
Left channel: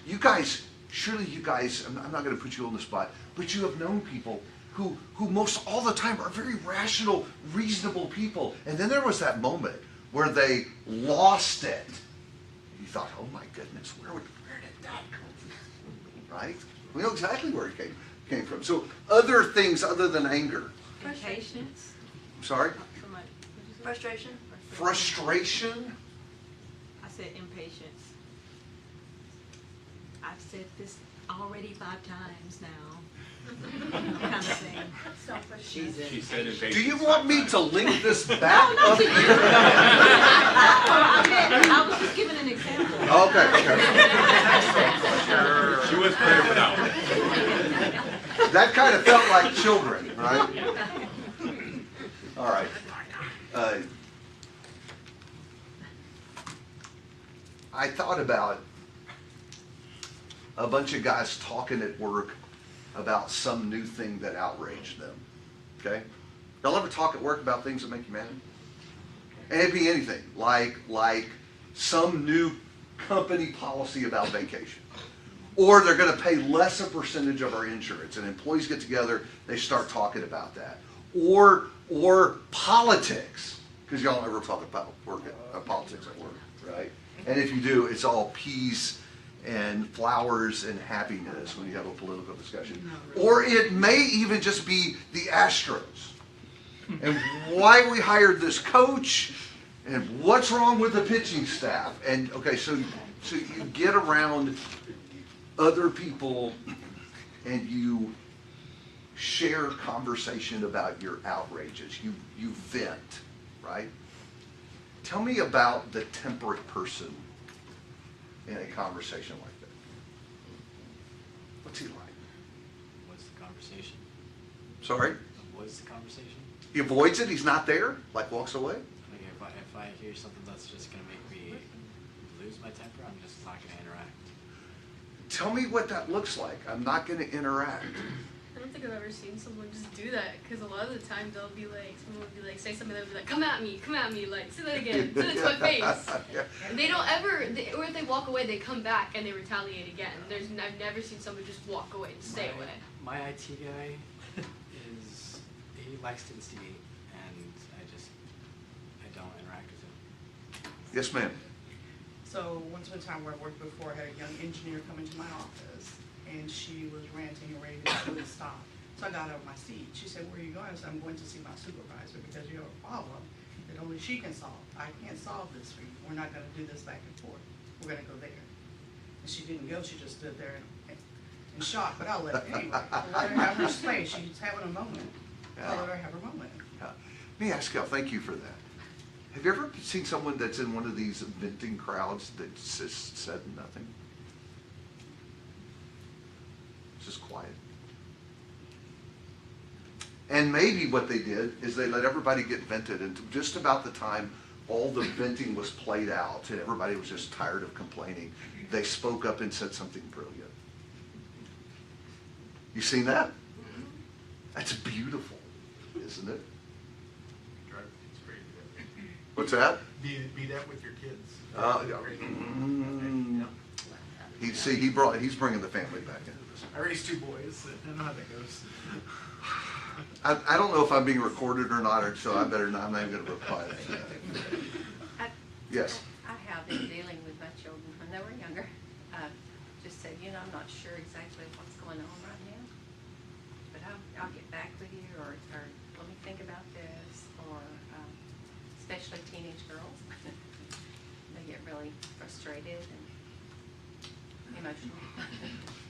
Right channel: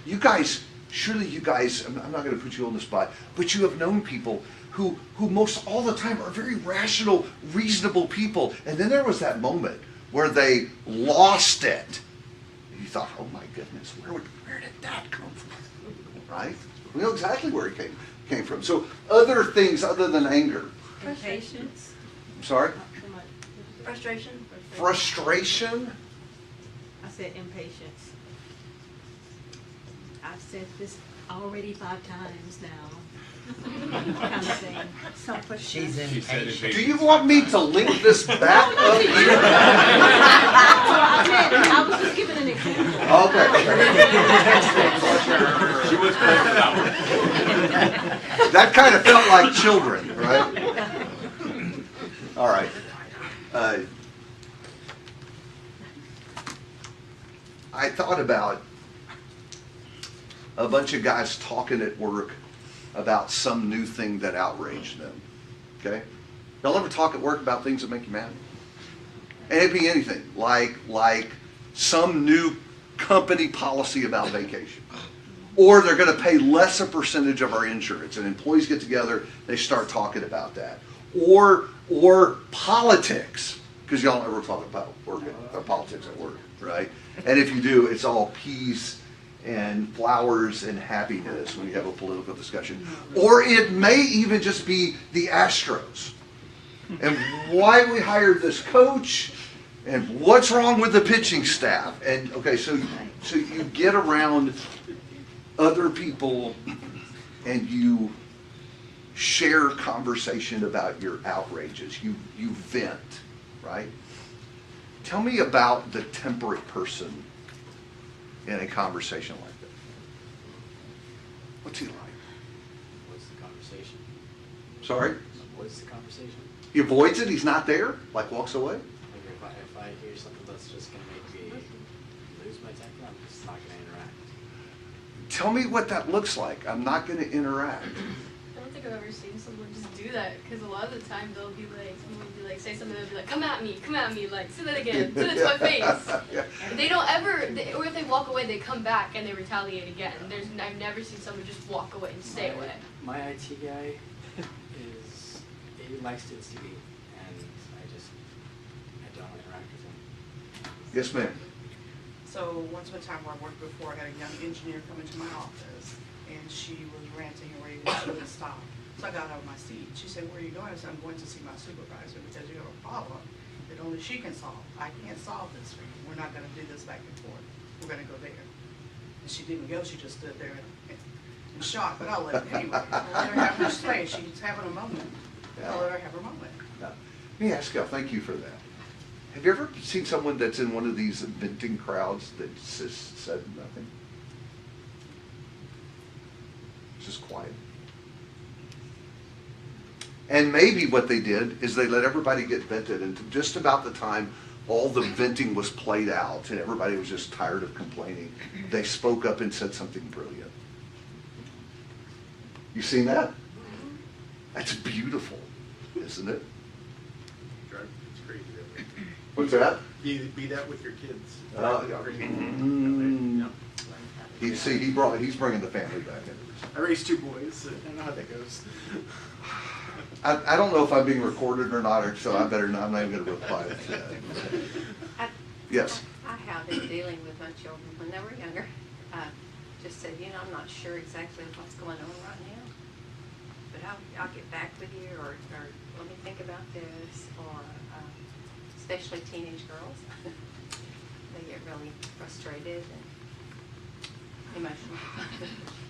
surely you guys, I'm not going to put you on the spot, but you have known people who most all the time are very rational, reasonable people, and then there was that moment where they lost it. And you thought, oh my goodness, where did that come from? Right? We know exactly where it came from. So other things other than anger. Impatience. I'm sorry? Frustration. Frustration? I said impatience. I've said this already 5 times now, kind of thing. She's She said impatient. it. Do you want me to link this back up here? I was just giving an example. Okay, She was cracking out. that kind of felt like children, right? All right. I thought about a bunch of guys talking at work about some new thing that outraged them, okay? Y'all ever talk at work about things that make you mad? And it'd be anything, like some new company policy about vacation. Or they're gonna pay less a percentage of our insurance, and employees get together, they start talking about that. Or politics, because y'all don't ever talk about work or politics at work, right? And if you do, it's all peace and flowers and happiness when you have a political discussion. Or it may even just be the Astros and why we hired this coach and what's wrong with the pitching staff. And okay, so you get around other people and you share conversation about your outrages. You vent, right? Tell me about the temperate person in a conversation like that. What's he like? What's the conversation? Sorry? What's the conversation? He avoids it, he's not there, like walks away? Like if I hear something that's just gonna make me lose my temper, I'm just not gonna interact. Tell me what that looks like. I'm not gonna interact. I don't think I've ever seen someone just do that, because a lot of the time they'll be like, someone will be like, say something, they'll be like, come at me, like, say that again, say that to my face. Yeah. They don't ever, or if they walk away, they come back and they retaliate again. I've never seen someone just walk away and stay away. My IT guy he likes to see me, and I don't interact with him. Yes, ma'am. So once upon a time where I worked before, I had a young engineer come into my office, and she was ranting and raving and she wouldn't stop. So I got out of my seat. She said, where are you going? I said, I'm going to see my supervisor because you have a problem that only she can solve. I can't solve this for you. We're not gonna do this back and forth. We're gonna go there. And she didn't go, she just stood there in shock, but I'll let her anyway. Let her have her space. She's having a moment. I'll let her have her moment. Let me ask y'all, thank you for that. Have you ever seen someone that's in one of these venting crowds that just said nothing? Just quiet. And maybe what they did is they let everybody get vented, and just about the time all the venting was played out and everybody was just tired of complaining, they spoke up and said something brilliant. You seen that? That's beautiful, isn't it? It's great. What's that? Be that with your kids. He's bringing the family back into this. I raised 2 boys. I know how that goes. I don't know if I'm being recorded or not, so I better not. I'm not even going to reply to that. Yes. I have been dealing with my children when they were younger. Just said, I'm not sure exactly what's going on right now, but I'll get back with you, or let me think about this, or especially teenage girls. They get really frustrated and emotional.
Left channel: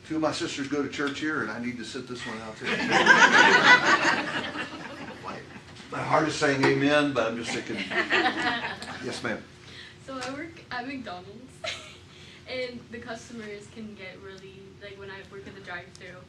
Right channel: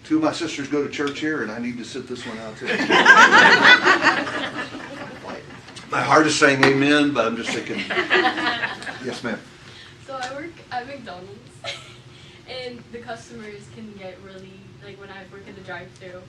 2 of my sisters go to church here, and I need to sit this one out too. My heart is saying amen, but I'm just thinking, yes, ma'am. So I work at McDonald's, and the customers can get really, like when I work in the drive-thru,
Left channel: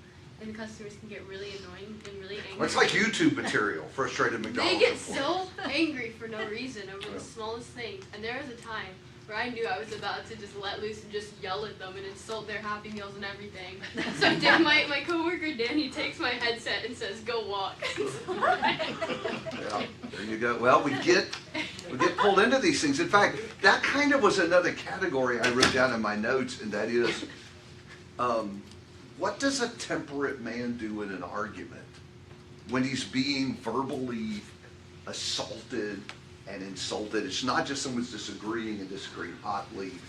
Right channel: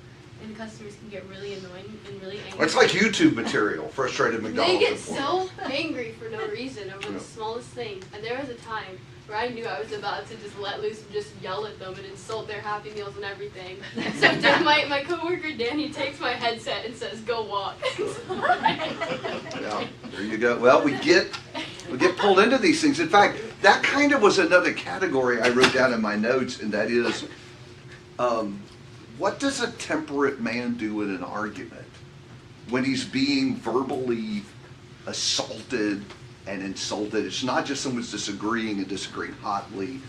and the customers can get really annoying and really angry. It's like YouTube material, frustrated McDonald's. They get employees. so angry for no reason over the smallest thing. And there was a time where I knew I was about to just let loose and just yell at them and insult their Happy Meals and everything. So my coworker Danny takes my headset and says, "Go walk." Yeah, there you go. Well, we get pulled into these things. In fact, that kind of was another category I wrote down in my notes, and that is, what does a temperate man do in an argument when he's being verbally assaulted and insulted? It's not just someone's disagreeing and disagreeing hotly.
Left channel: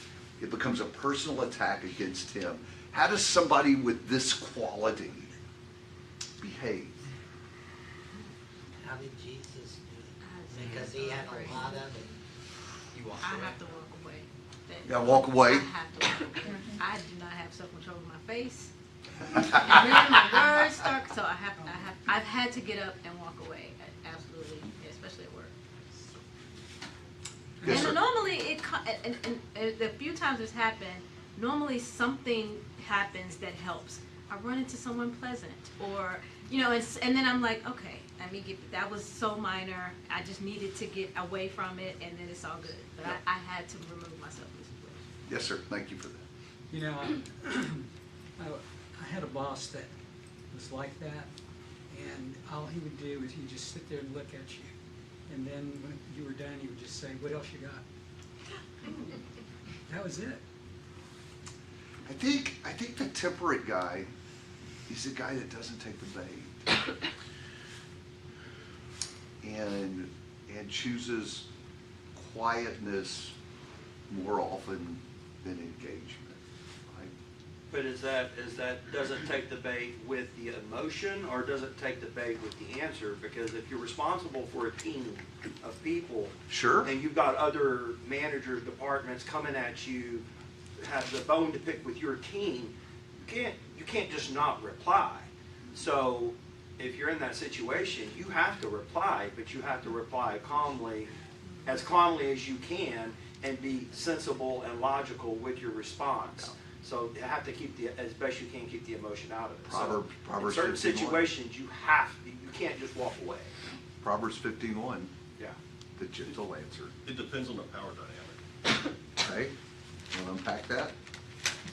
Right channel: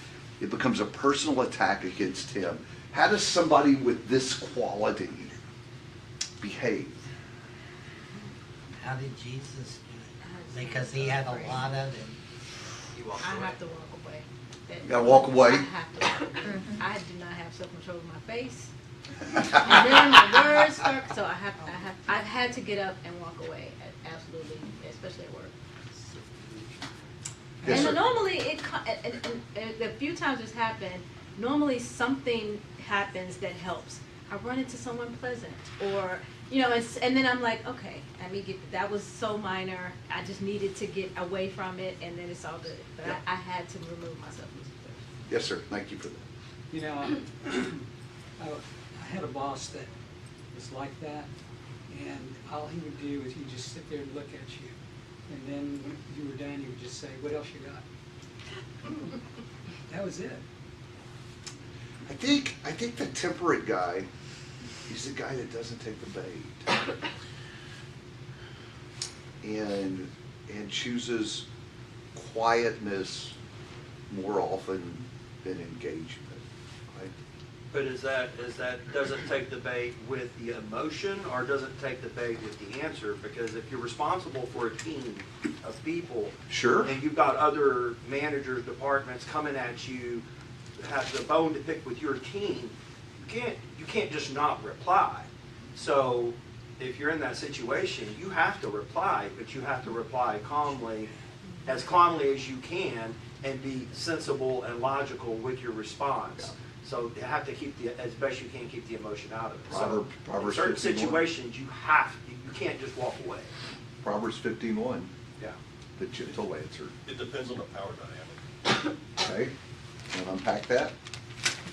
It becomes a personal attack against him. How does somebody with this quality behave? How did Jesus do it? Because he had a lot of it. I have to walk away. You gotta walk away? I have to walk away. I do not have self-control of my face. And then my words start, so I've had to get up and walk away, absolutely, especially at work. Yes, sir. And normally and the few times it's happened, normally something happens that helps. I run into someone pleasant, or and then I'm like, okay, let me get. That was so minor. I just needed to get away from it, and then it's all good. But I had to remove myself from the situation. Yes, sir. Thank you for that. You know, I had a boss that was like that, and all he would do is he'd just sit there and look at you, and then when you were done, he would just say, "What else you got?" That was it. I think the temperate guy is the guy that doesn't take the bait and chooses quietness more often than engagement. Right? But does it take the bait with the emotion, or does it take the bait with the answer? Because if you're responsible for a team of people, Sure. and you've got other managers, departments coming at you, have the bone to pick with your team, you can't just not reply. So if you're in that situation, you have to reply, but you have to reply calmly as you can, and be sensible and logical with your response. So you have to keep as best you can, keep the emotion out of it. So in certain 51. situations, you can't just walk away. Proverbs 15:1. Yeah. The gentle answer. It depends on the power dynamic. Okay. Want to unpack that?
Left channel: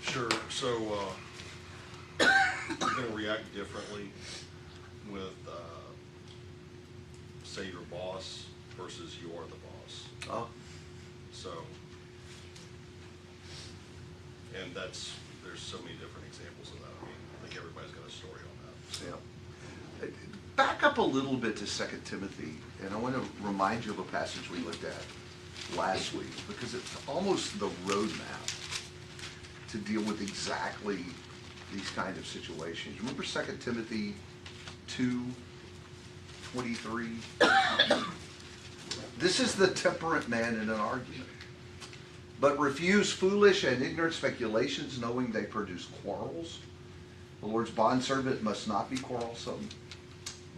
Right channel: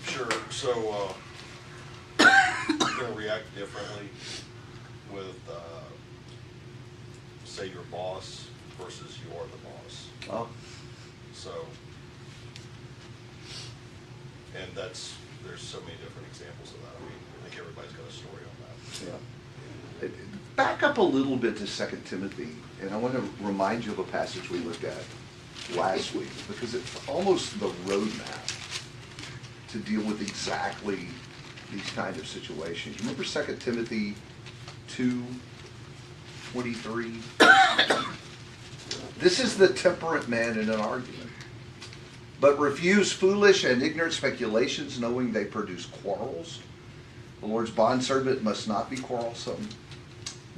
Sure. So, you're gonna react differently with, say, your boss versus you are the boss. Oh. So, and there's so many different examples of that. I mean, I think everybody's got a story on that. Yeah. Back up a little bit to 2 Timothy, and I want to remind you of a passage we looked at last week, because it's almost the roadmap to deal with exactly these kind of situations. Remember 2 Timothy 2:23? This is the temperate man in an argument. But refuse foolish and ignorant speculations, knowing they produce quarrels. The Lord's bondservant must not be quarrelsome,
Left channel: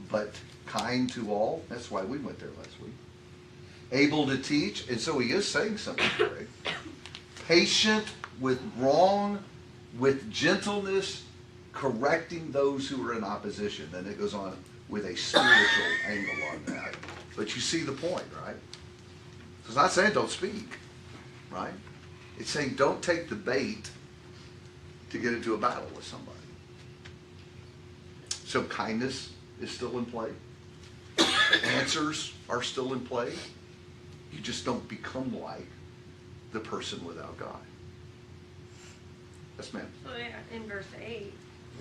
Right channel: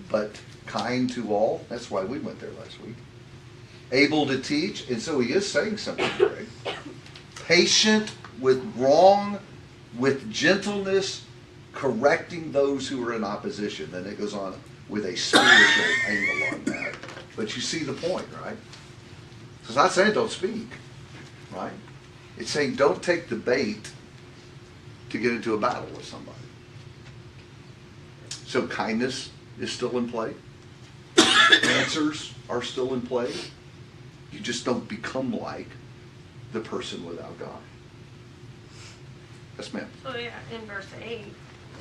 but kind to all. That's why we went there last week. Able to teach, and so he is saying something great. Patient with wrong, with gentleness, correcting those who are in opposition. Then it goes on with a spiritual angle on that. But you see the point, right? It's not saying don't speak, right? It's saying don't take the bait to get into a battle with somebody. So kindness is still in play. Answers are still in play. You just don't become like the person without God. Yes, ma'am. So yeah, in verse 8, it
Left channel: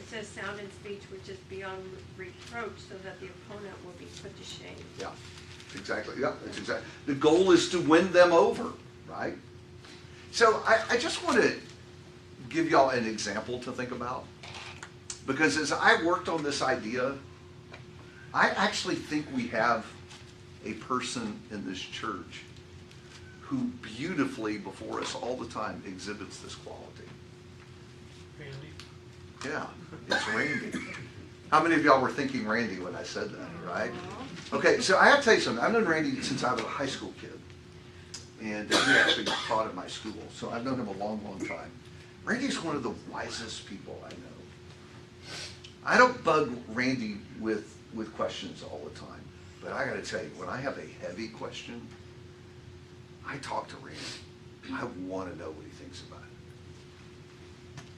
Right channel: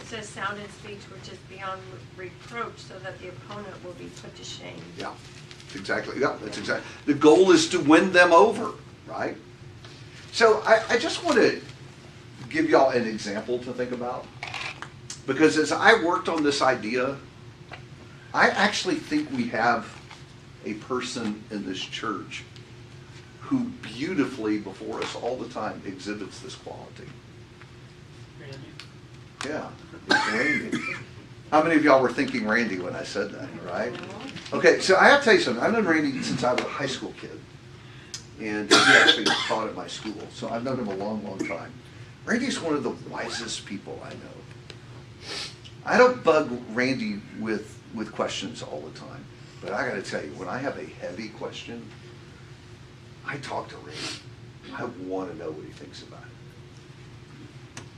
says sound in speech which is beyond reproach, so that the opponent will be put to shame. Yeah, exactly. Yeah, that's exactly. The goal is to win them over, right? So I just want to give y'all an example to think about. Because as I worked on this idea, I actually think we have a person in this church who beautifully before us all the time exhibits this quality. Yeah, it's Randy. How many of y'all were thinking Randy when I said that, right? Okay, so I have to tell you something. I've known Randy since I was a high school kid. And he actually taught at my school. So I've known him a long, long time. Randy's one of the wisest people I know. I don't bug Randy with questions all the time. But I got to tell you, when I have a heavy question, I talk to Randy. I want to know what he thinks about it.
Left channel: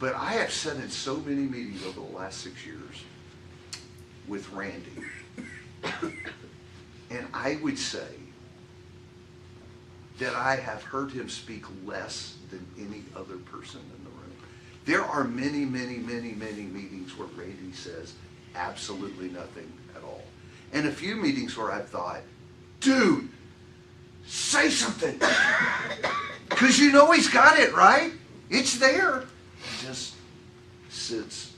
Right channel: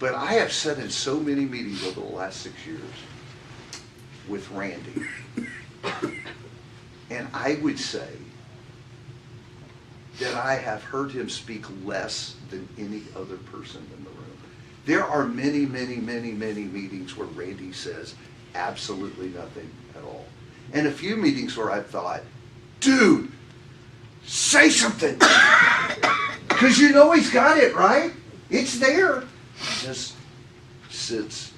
But I have sat in so many meetings over the last 6 years with Randy. And I would say that I have heard him speak less than any other person in the room. There are many, many, many, many meetings where Randy says absolutely nothing at all. And a few meetings where I've thought, dude, say something. Because you know he's got it, right? It's there. He just sits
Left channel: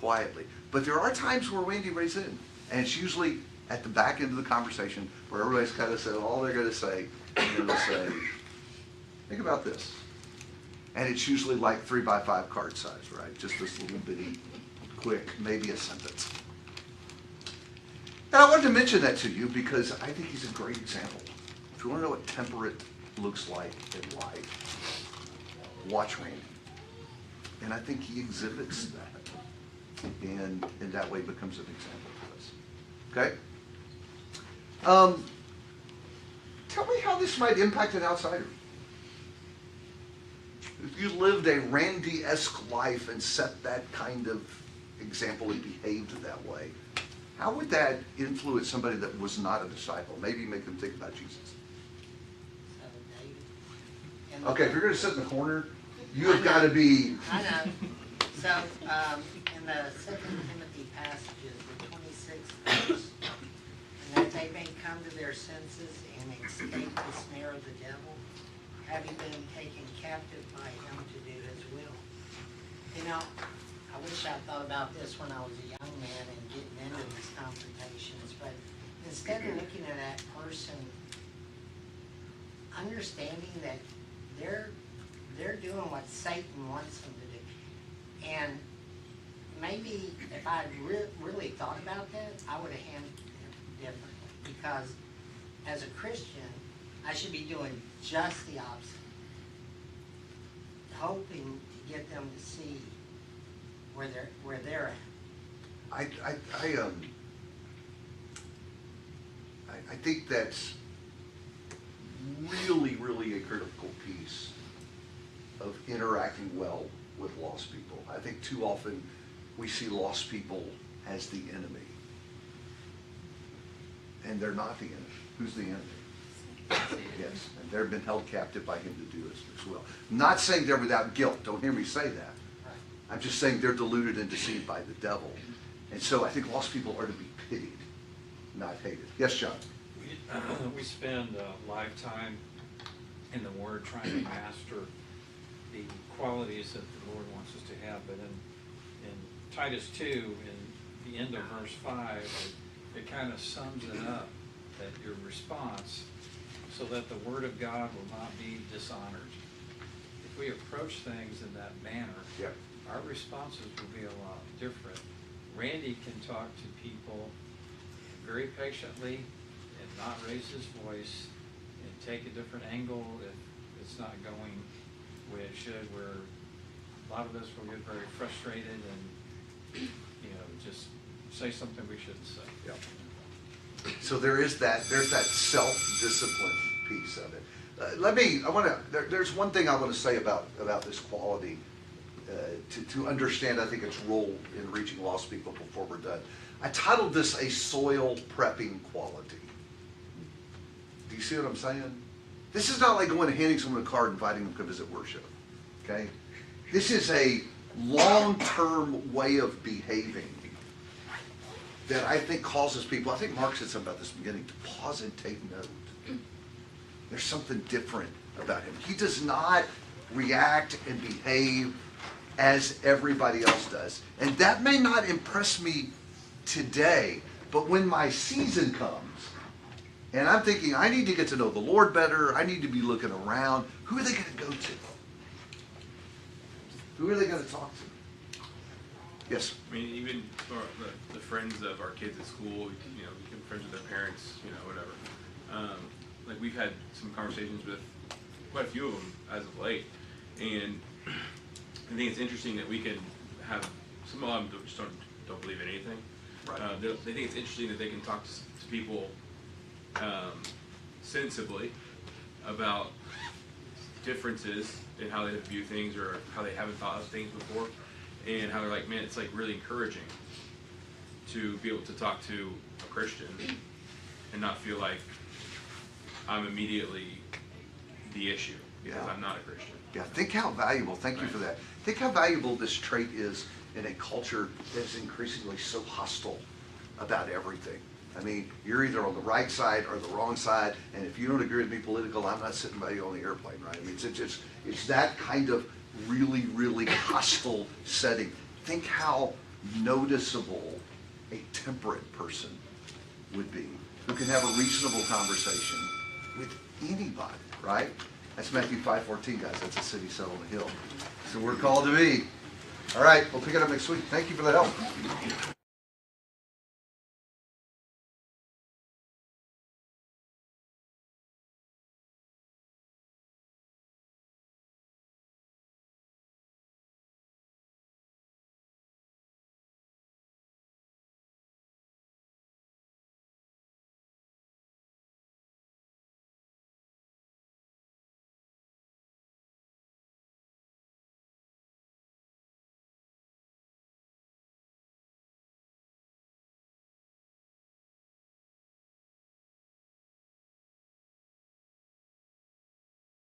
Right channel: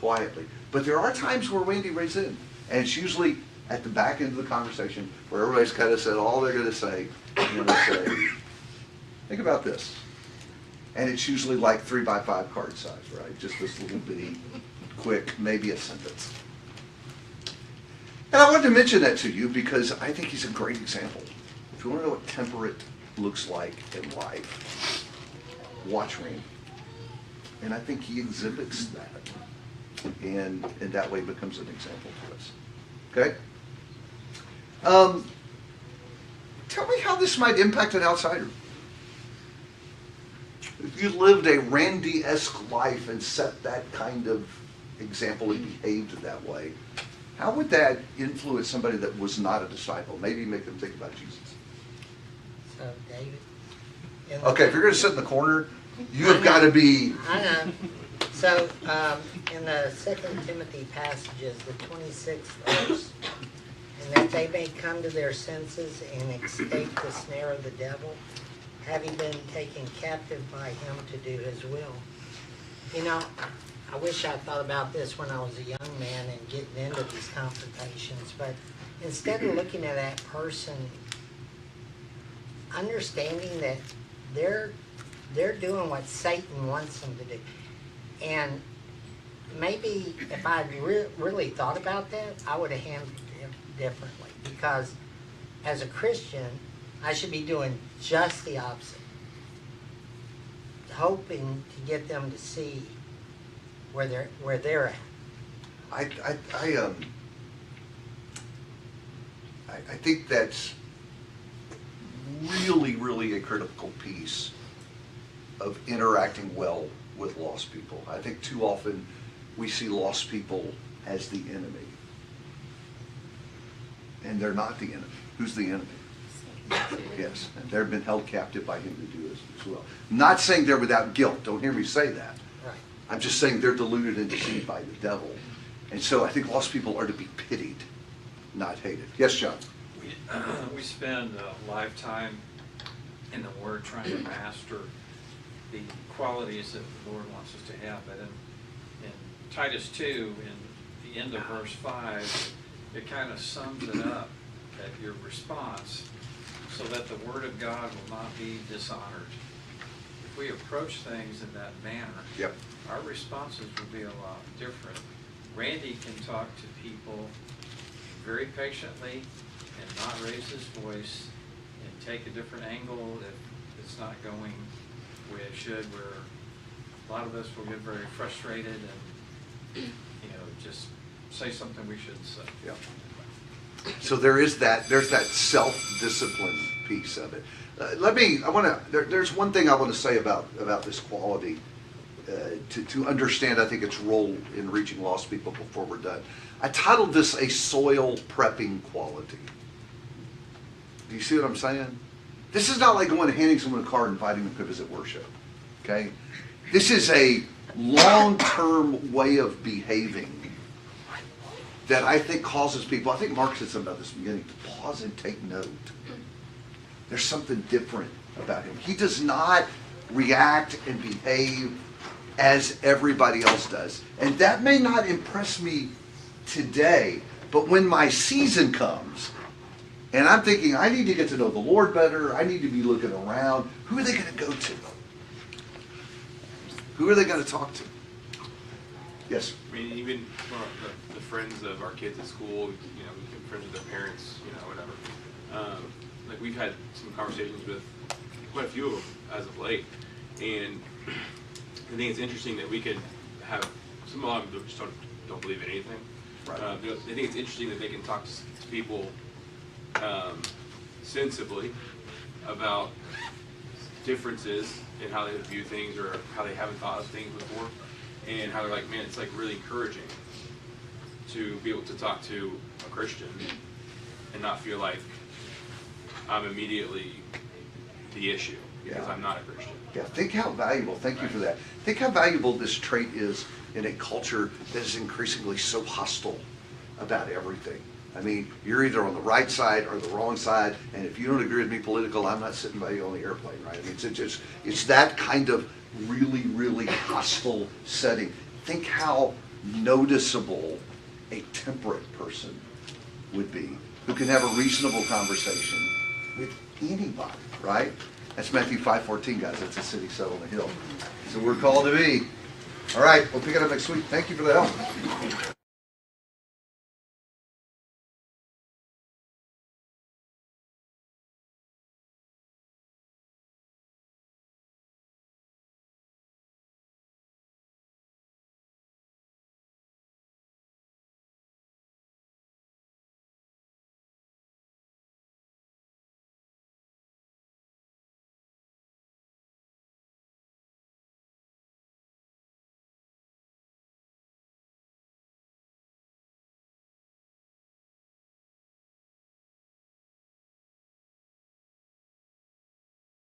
quietly. But there are times where Randy raises in. And it's usually at the back end of the conversation where everybody's kind of said all they're going to say. And they say, think about this. And it's usually like 3x5 card size, right? Just this little bitty, quick, maybe a sentence. And I wanted to mention that to you because I think he's a great example. If you want to know what temperate looks like in life, watch Randy. And I think he exhibits that. And in that way becomes an example to us. Okay? Tell me how this might impact an outsider. If you lived a Randy-esque life and set that kind of example and behaved that way, how would that influence somebody that was not a disciple? Maybe make them think about Jesus. So, David. Okay, if you're going to sit in the corner, you have got to be. I know. So, in the 2 Timothy passages, the 26th verse, and that they may come to their senses and escape the snare of the devil, having been taken captive by him to do his will. You know, I wish I thought about this when I was a young man and getting into these confrontations, but instead of looking at that person, understanding that they're doing what Satan wants them to do. And maybe if I'd really thought about that, I would have handled it differently. Because as a Christian, I should be doing just the opposite. Hoping to get them to see where they're at. I think that's really, really a critical piece of interacting well with lost people. I think too often we see lost people as the enemy. And they're not the enemy. Who's the enemy? Yes, and they've been held captive by him to do this as well. Not saying they're without guilt. Don't hear me say that. Right. I'm just saying they're deluded and deceived by the devil. And so I think lost people are to be pitied, not hated. Yes, John? We spend a lifetime in the Word trying to master the qualities that the Lord wants us to have. But in Titus 2, in the end of verse 5, it kind of sums it up, that your response, so that the Word of God will not be dishonored. If we approach things in that manner, yep, our responses will be a lot different. Randy can talk to people very patiently and not raise his voice and take a different angle if it's not going the way it should, where a lot of us will get very frustrated and, just say something we shouldn't say. Yep. So there's that self-discipline piece of it. There's one thing I want to say about this quality to understand, I think, its role in reaching lost people before we're done. I titled this a soil prepping quality. Do you see what I'm saying? This is not like going and handing someone a card and inviting them to visit worship. Okay? This is a long-term way of behaving that I think causes people, I think Mark said something about this in the beginning, to pause and take note. There's something different about him. He does not react and behave as everybody else does. And that may not impress me today, but when my season comes, and I'm thinking, I need to get to know the Lord better, I need to be looking around, who are they going to go to? Who are they going to talk to? Yes? I mean, even the friends of our kids at school, friends of their parents, whatever. Like we've had some conversations with quite a few of them as of late, and I think it's interesting that we can have some of them just don't believe in anything. Right. They think it's interesting that they can talk to people sensibly about differences in how they view things or how they haven't thought of things before, and how they're like, man, it's like really encouraging to be able to talk to a Christian and not feel like I'm immediately the issue because I'm not a Christian. Yeah, think how valuable, thank you for that. Think how valuable this trait is in a culture that is increasingly so hostile about everything. I mean, you're either on the right side or the wrong side, and if you don't agree with me political, I'm not sitting by you on the airplane, right? I mean, it's that kind of really, really hostile setting. Think how noticeable a temperate person would be, who can have a reasonable conversation with anybody, right? That's Matthew 5:14, guys. That's a city set on a hill. So we're called to be. All right, we'll pick it up next week. Thank you for the help.